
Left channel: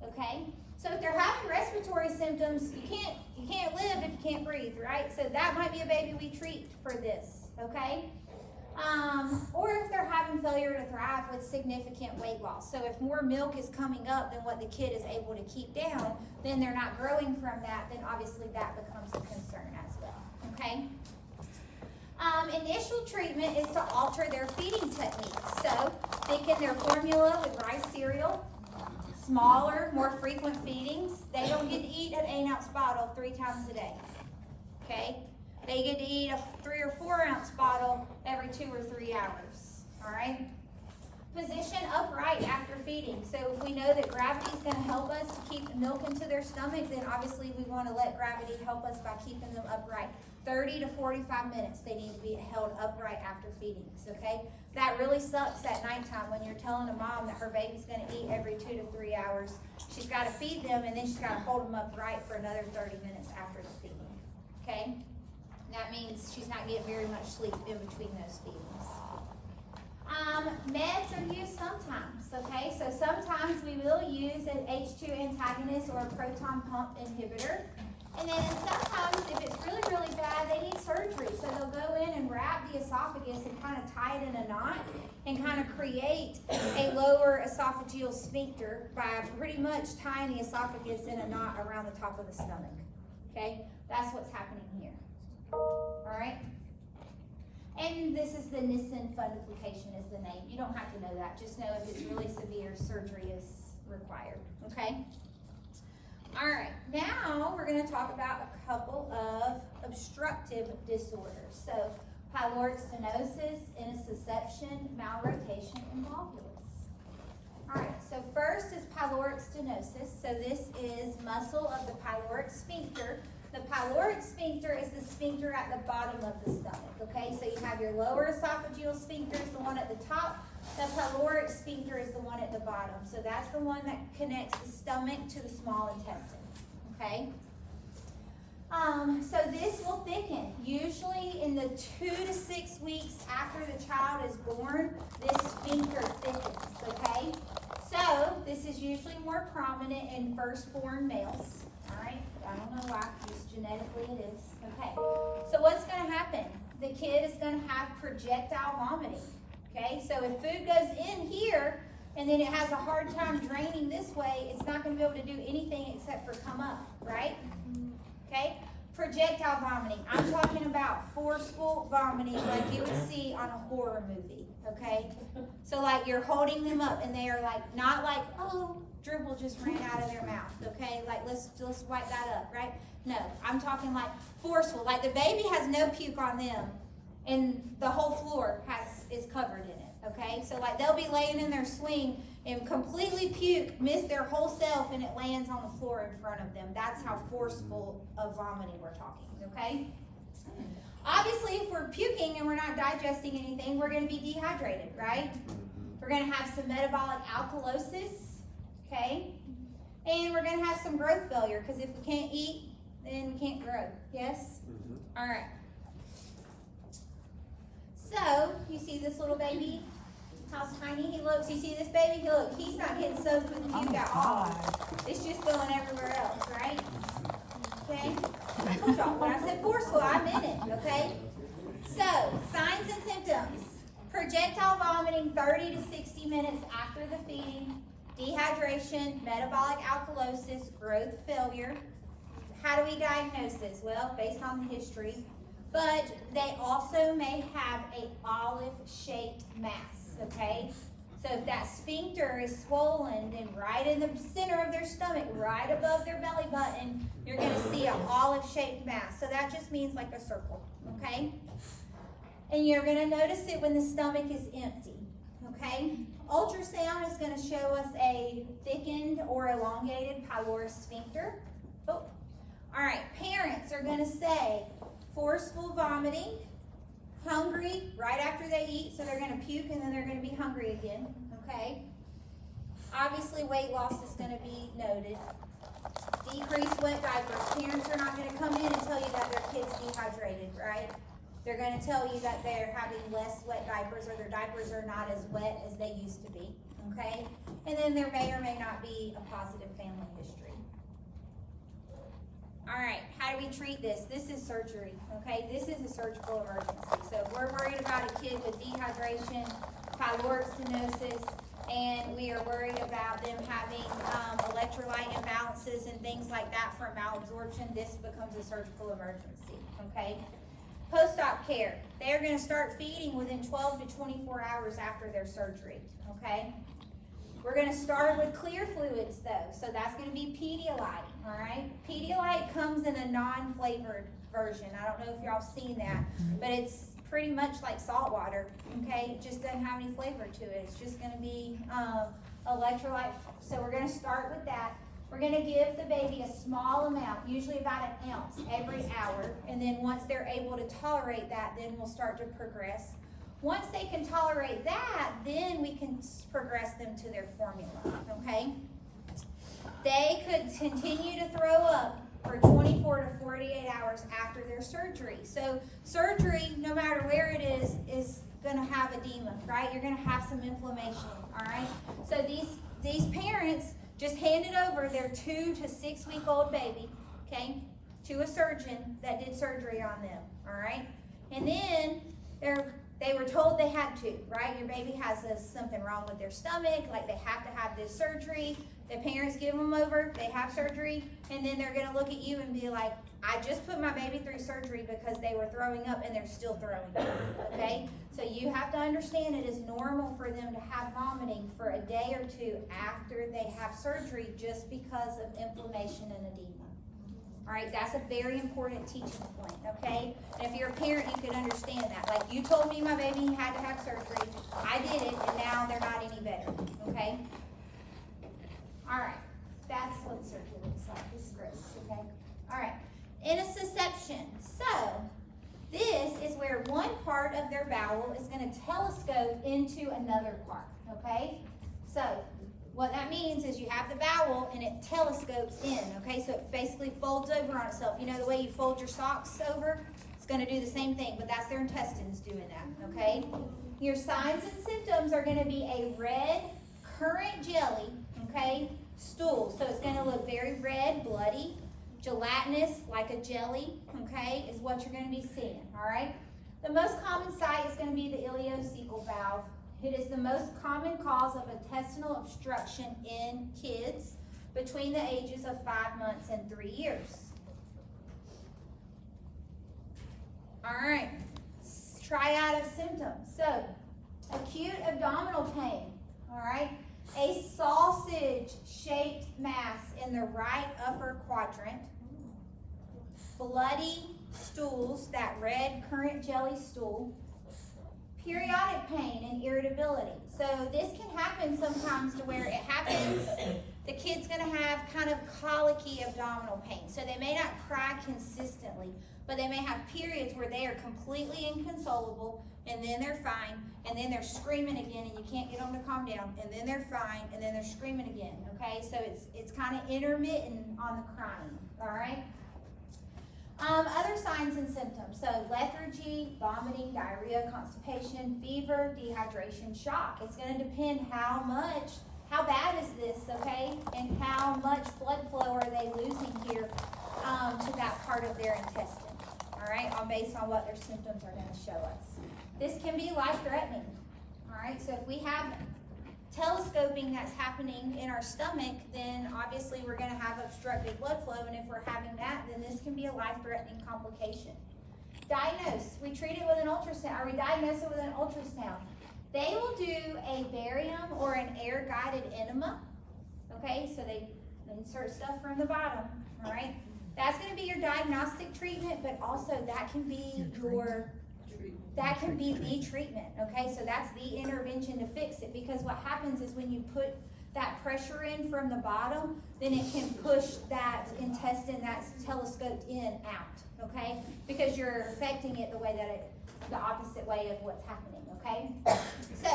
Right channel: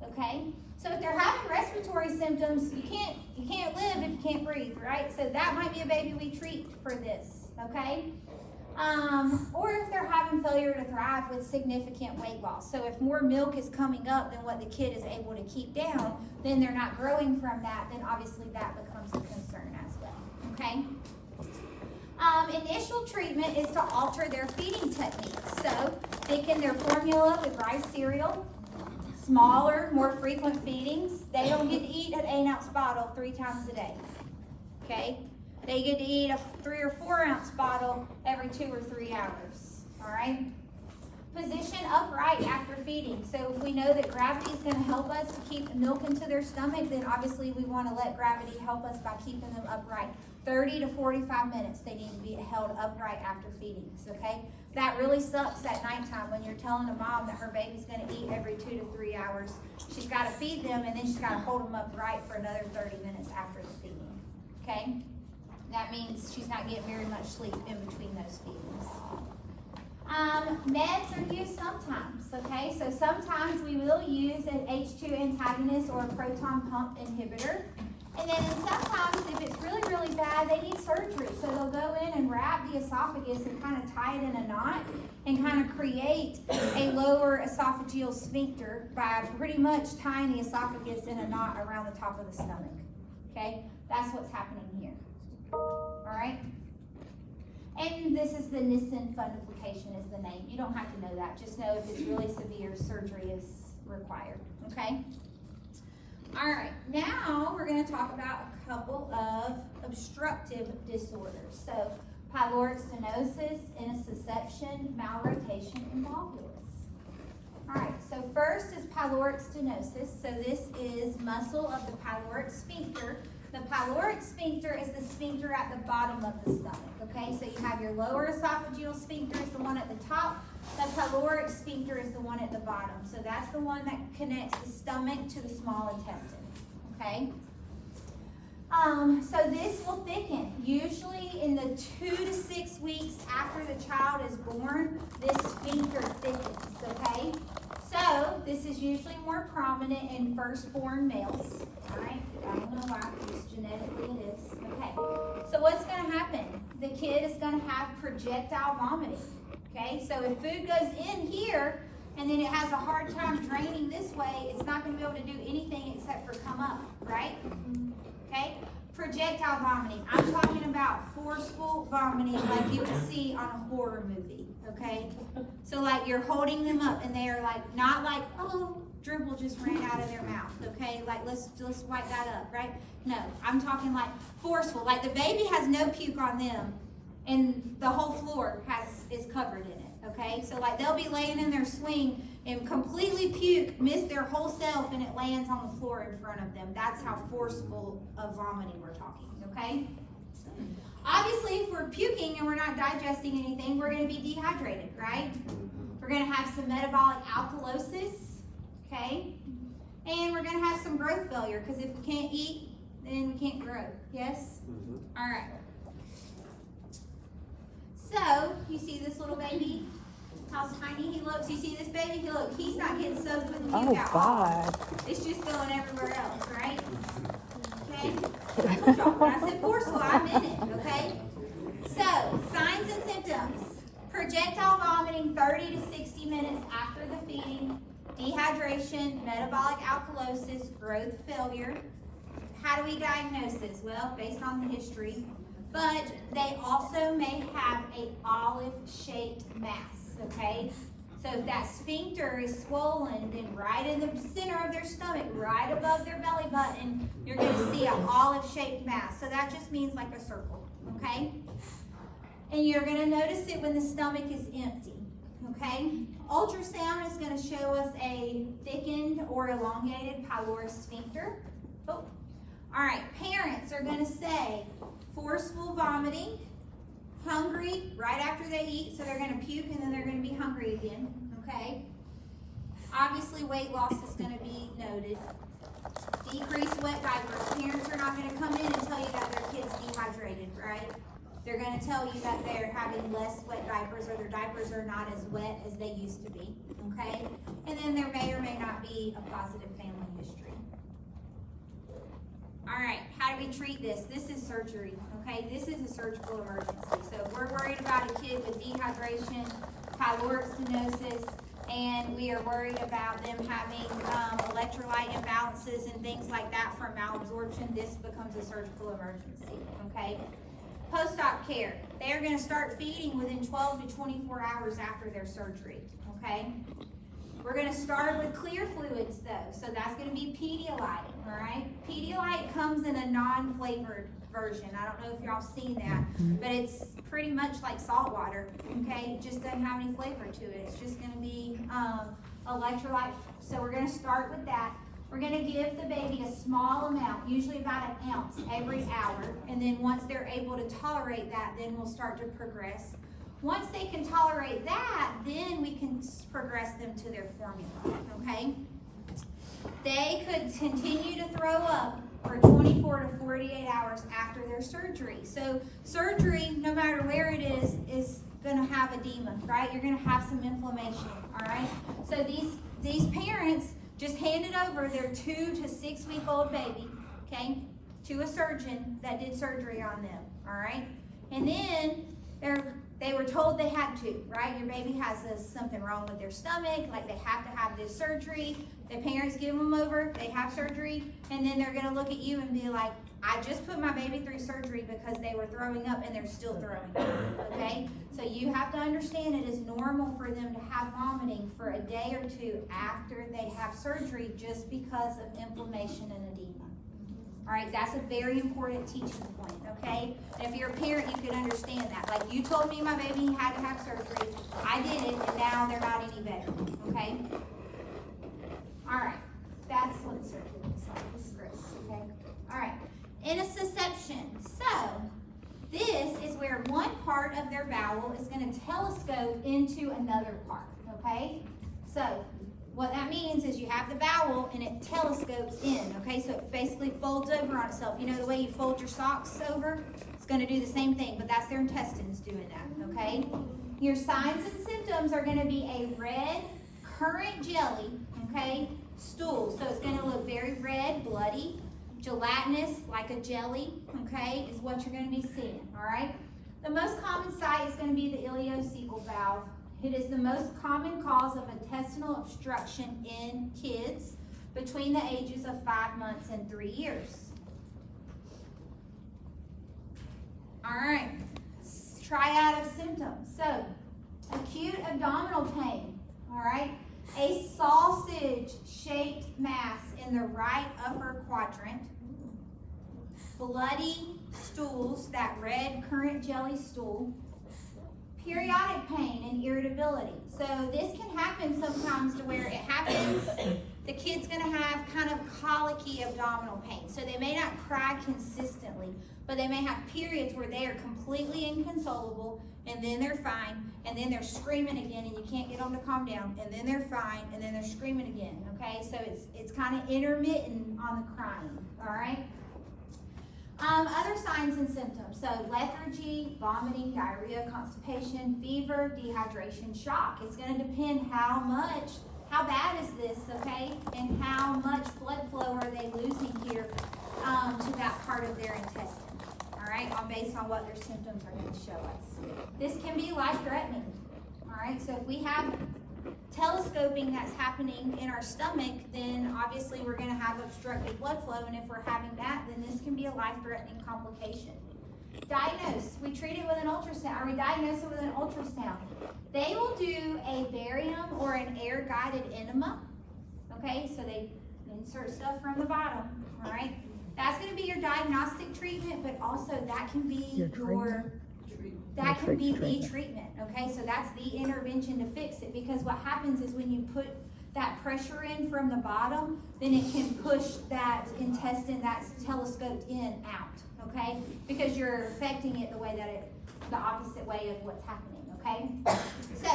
okay? So if they're having respiratory symptoms, you can't live if you can't breathe, right? So that might be a baby we treat for this, okay? Or if they're having failure to thrive with significant weight loss. So if more milk is coming up than what the kid is able to keep down, then they're not growing from that, then obviously that becomes a concern as well, okay? Initial treatment is to alter their feeding techniques. So thicken their formula with rice cereal, smaller, more frequent feedings, they don't get to eat an 8-ounce bottle 3 times a day. Okay? They get to eat a 3 or 4 ounce bottle every 2 or 3 hours. Alright? Position upright after feeding. So if we know that gravity is going to help us to keep milk into their stomach, then obviously we want to let gravity help us by keeping them upright. 30 to 45 minutes they need to be held upright after feedings, okay? That really sucks at nighttime when you're telling a mom that her baby's going to eat every 2 to 3 hours. She's got to feed them, and then she's got to hold them upright for another 30 minutes after the feeding, okay? That means she's not getting very much sleep in between those feedings. Meds are used sometimes, okay? So sometimes we will use an H2 antagonist or a proton pump inhibitor. And then sometimes if it's really, really bad, they need surgery. So they'll go in and wrap the esophagus and kind of tie it in a knot and kind of create a lower esophageal sphincter by pretty much tying the esophagus in a knot around the top of the stomach, okay? That's what's happening here, all right? And this is the Nissen fundoplication is the name. You don't have to know that. Just know if it's really severe, surgery is required, okay? All right, now we're going to talk about a couple of obstructive disorders. So pyloric stenosis, intussusception, malrotation, and volvulus. All right, so first is pyloric stenosis. So this is muscle of the pyloric sphincter. The pyloric sphincter is the sphincter at the bottom of the stomach, okay? So you have your lower esophageal sphincter is the one at the top. The pyloric sphincter is the one at the bottom. So that's the one that connects the stomach to the small intestine, okay? So this will thicken. Usually in the 2 to 6 weeks after the child is born, this sphincter thickens, okay? So this is usually more prominent in firstborn males, all right? I don't know why, just genetically it is. Okay, so what's going to happen? The kid is going to have projectile vomiting. Okay, so if food goes in here and then it has a hard time draining this way, it's not going to be able to do anything except for come up, right? Okay, projectile vomiting. I'm talking about forceful vomiting like you would see on a horror movie. Okay, so like you're holding them up and they are like, not like, oh, dribble just ran out of their mouth, okay? Like, let's wipe that up, right? No, I'm talking like forceful. Like the baby has no puke on them and the whole floor is covered in it, okay? So like they'll be laying in their swing and completely puke, miss their whole self, and it lands on the floor in front of them. That's how forceful of vomiting we're talking, okay? Obviously, if we're puking and we're not digesting anything, we're going to be dehydrated, right? We're going to have some metabolic alkalosis, okay? And we're going to have some growth failure, because if we can't eat, then we can't grow, yes? All right. So, you see this little baby? How tiny he looks? You see this baby? Look, he's not getting soaked with the puke at all. It's just going everywhere else, right? Okay? When I said forceful, I meant it, okay? So, signs and symptoms. Projectile vomiting 30 to 60 minutes after the feeding. Dehydration, metabolic alkalosis, growth failure. How do we diagnose this? Well, based on the history. But they also may have an olive-shaped mass, okay? So if that sphincter is swollen and right in the center of their stomach, right above their belly button, you're going to see an olive-shaped mass. So that just means like a circle, okay? And you're going to notice it when the stomach is empty, okay? Ultrasound is going to show us a thickened or elongated pyloric sphincter. Oh. All right, parents are going to say forceful vomiting, hungry right after they eat, so they're going to puke and then they're going to be hungry again, okay? Obviously, weight loss is going to be noted. Decreased wet diapers. Parents are not going to come in and tell you that their kid's dehydrated, right? They're going to tell you that they're having less wet diapers or their diapers are not as wet as they used to be, okay? And then there may or may not be a positive family history. All right, how do we treat this? This is surgery, okay? This is a surgical emergency. So if we're worried about a kid with dehydration, pyloric stenosis, and we are worried about them having electrolyte imbalances and things like that from malabsorption, this becomes a surgical emergency, okay? Post-op care. They're going to start feeding within 12 to 24 hours after their surgery, okay? We're gonna start with clear fluids though, so that's gonna be Pedialyte, all right? Pedialyte comes in a non-flavored version. I don't know if y'all seen that, but it's pretty much like salt water, okay? It just doesn't have any flavor to it. It's just gonna be electrolyte. So we're gonna start with that. We're gonna give the baby a small amount, usually about an ounce every hour, and then once they're able to tolerate that, then we'll start to progress. Once they can tolerate that, then we can progress them to their formula, okay? They could continue to throw up for 24 to 48 hours after their surgery. So surgery, no matter where it is gonna have edema, right? You're gonna have some inflammation, all right? So these parents just handed over their 2 to 6 week old baby, okay, to a surgeon that did surgery on them, all right? And then they were told they had to, right? Your baby has something wrong with their stomach, like they have to have this surgery. The parents give them over, they have surgery, and then they're gonna look at you and be like, I just put my baby through surgery because they were throwing up and they're still throwing up, okay? So you have to understand it is normal for them to have vomiting for a day or two after they have surgery just because of inflammation and edema. All right, that's a very important teaching point, okay? And if you're a parent, you can understand that. Like you told me my baby had to have surgery, I did it, and now they're not any better, okay? All right, that's what surgery looks like. This is gross, okay? All right, intussusception. So this is where one part of their bowel is going to telescope into another part, okay? So what that means is you have the bowel and it telescopes in, okay? So it basically folds over on itself. You know the way you fold your socks over? It's going to do the same thing, but that's their intestines doing that, okay? Your signs and symptoms are going to be a red currant jelly, okay, stool. So it's going to look very red, bloody, gelatinous, like a jelly, okay, is what you're going to be seeing, all right? The most common site is going to be the ileocecal valve. It is the most common cause of intestinal obstruction in kids between the ages of 5 months and 3 years. All right, triad of symptoms. So, acute abdominal pain, all right? A sausage-shaped mass in the right upper quadrant, bloody stools, that red currant jelly stool, periodic pain and irritability. So this can happen sometimes to where it happens, the kid's gonna have kind of colicky abdominal pain. So they may not cry consistently, but they may have periods where they are completely inconsolable, and then they're fine, and then they're screaming again, and you can't get them to calm down, and then they're fine, and then they're screaming again, okay? So it's kind of intermittent on the crying, all right? Other signs and symptoms, so lethargy, vomiting, diarrhea, constipation, fever, dehydration, shock. It's going to depend how bad is this, okay, and how much blood flow are they losing here to that part of their intestine, all right, based on what their symptoms are going to show us. This can be life-threatening, all right, so if we have telescoping that's happening in our stomach, then obviously we're going to have obstructed blood flow, and if we're having that, then this can be a life-threatening complication. Diagnose. We treat it with an ultrasound, or we diagnose it with an ultrasound. They will do a barium or an air-guided enema, okay, so they insert stuff from the bottom, all right? That's going to be your diagnostic treatment, but also that can be the treatment, okay? So that's the intervention to fix it, because what happens is when you put that pressure in from the bottom, then it can push that intestine that's telescoped in out, okay? Because you're affecting it the opposite way of what's happening, okay? So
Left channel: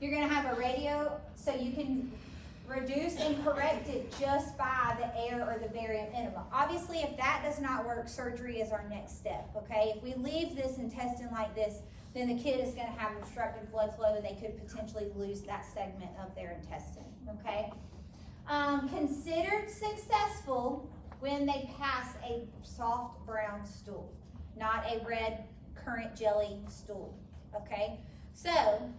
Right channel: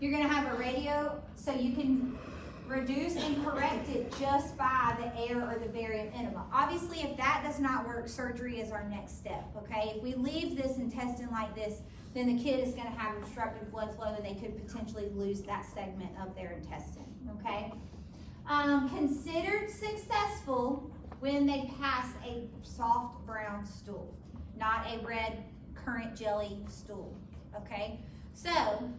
you're gonna have a radio, so you can reduce and correct it just by the air or the barium enema. Obviously, if that does not work, surgery is our next step, okay? If we leave this intestine like this, then the kid is gonna have obstructed blood flow and they could potentially lose that segment of their intestine, okay? Considered successful when they pass a soft brown stool, not a red currant jelly stool, okay? So,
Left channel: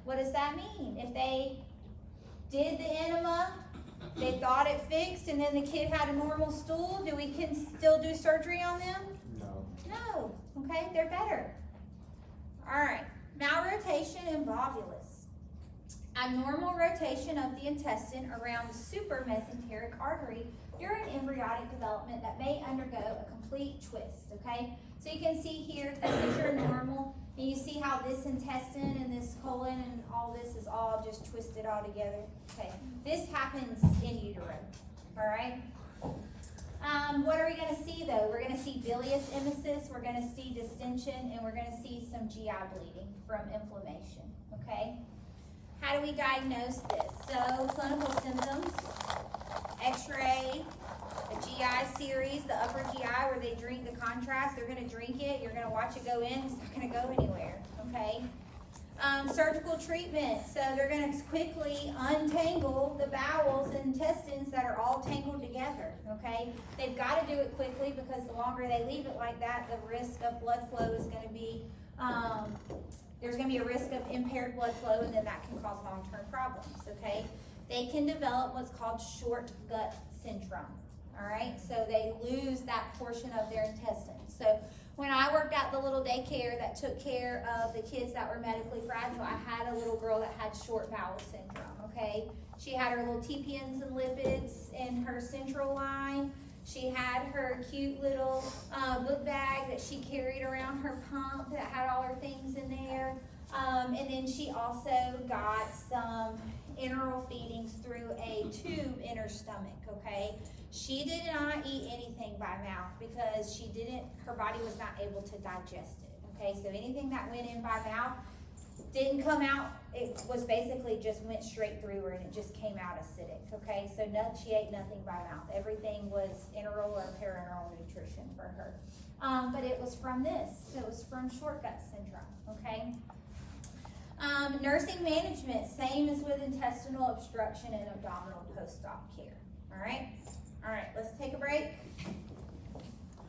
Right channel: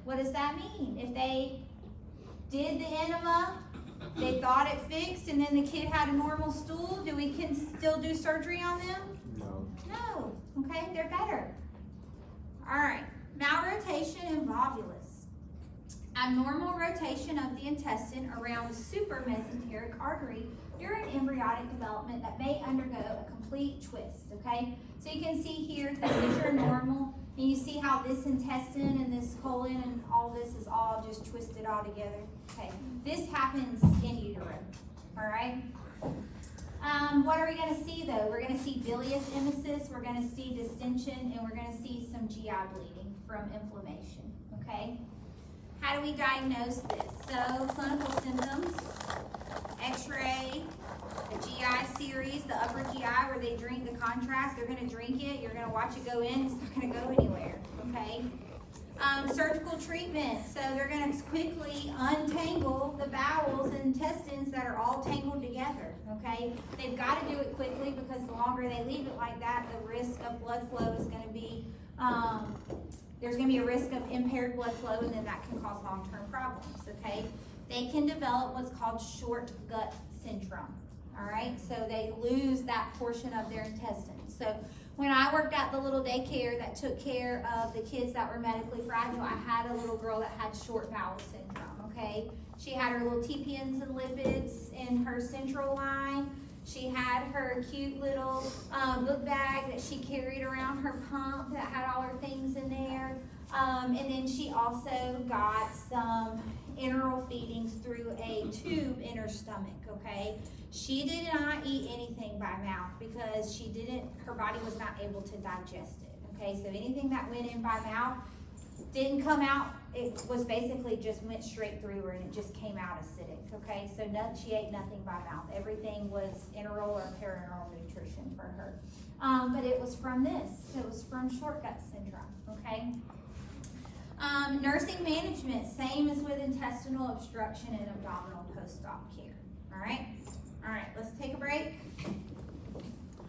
what does that mean? If they did the enema, they thought it fixed, and then the kid had a normal stool, can we still do surgery on them? No. No, okay, they're better. All right, malrotation and volvulus. Abnormal rotation of the intestine around the supramesenteric artery during embryonic development that may undergo a complete twist, okay? So you can see here, this is your normal, and you see how this intestine and this colon and all this is all just twisted all together, okay? This happens in utero, all right? What are we gonna see though? We're gonna see bilious emesis, we're gonna see distension, and we're gonna see some GI bleeding from inflammation, okay? How do we diagnose this? So, clinical symptoms, x-ray, a GI series, the upper GI where they drink the contrast, they're gonna drink it, you're gonna watch it go in, it's not gonna go anywhere, okay? Surgical treatment, so they're gonna quickly untangle the bowels and intestines that are all tangled together, okay? They've gotta do it quickly because the longer they leave it like that, the risk of blood flow is gonna be, there's gonna be a risk of impaired blood flow, and then that can cause long-term problems, okay? They can develop what's called short gut syndrome, all right? So they lose that portion of their intestines. So when I worked at the little daycare that took care of the kids that were medically fragile, I had a little girl that had short bowel syndrome, okay? She had her little TPNs and lipids in her central line. She had her cute little book bag that she carried around her pump that had all her things in there. And then she also got some enteral feedings through a tube in her stomach, okay? She did not eat anything by mouth because her body was not able to digest it, okay? So anything that went in by mouth didn't come out, it was basically just went straight through her and it just came out acidic, okay? So she ate nothing by mouth. Everything was enteral or parenteral nutrition for her. But it was from this. It was from short gut syndrome, okay? Nursing management, same as with intestinal obstruction and abdominal post-op care, all right? All right, let's take a break.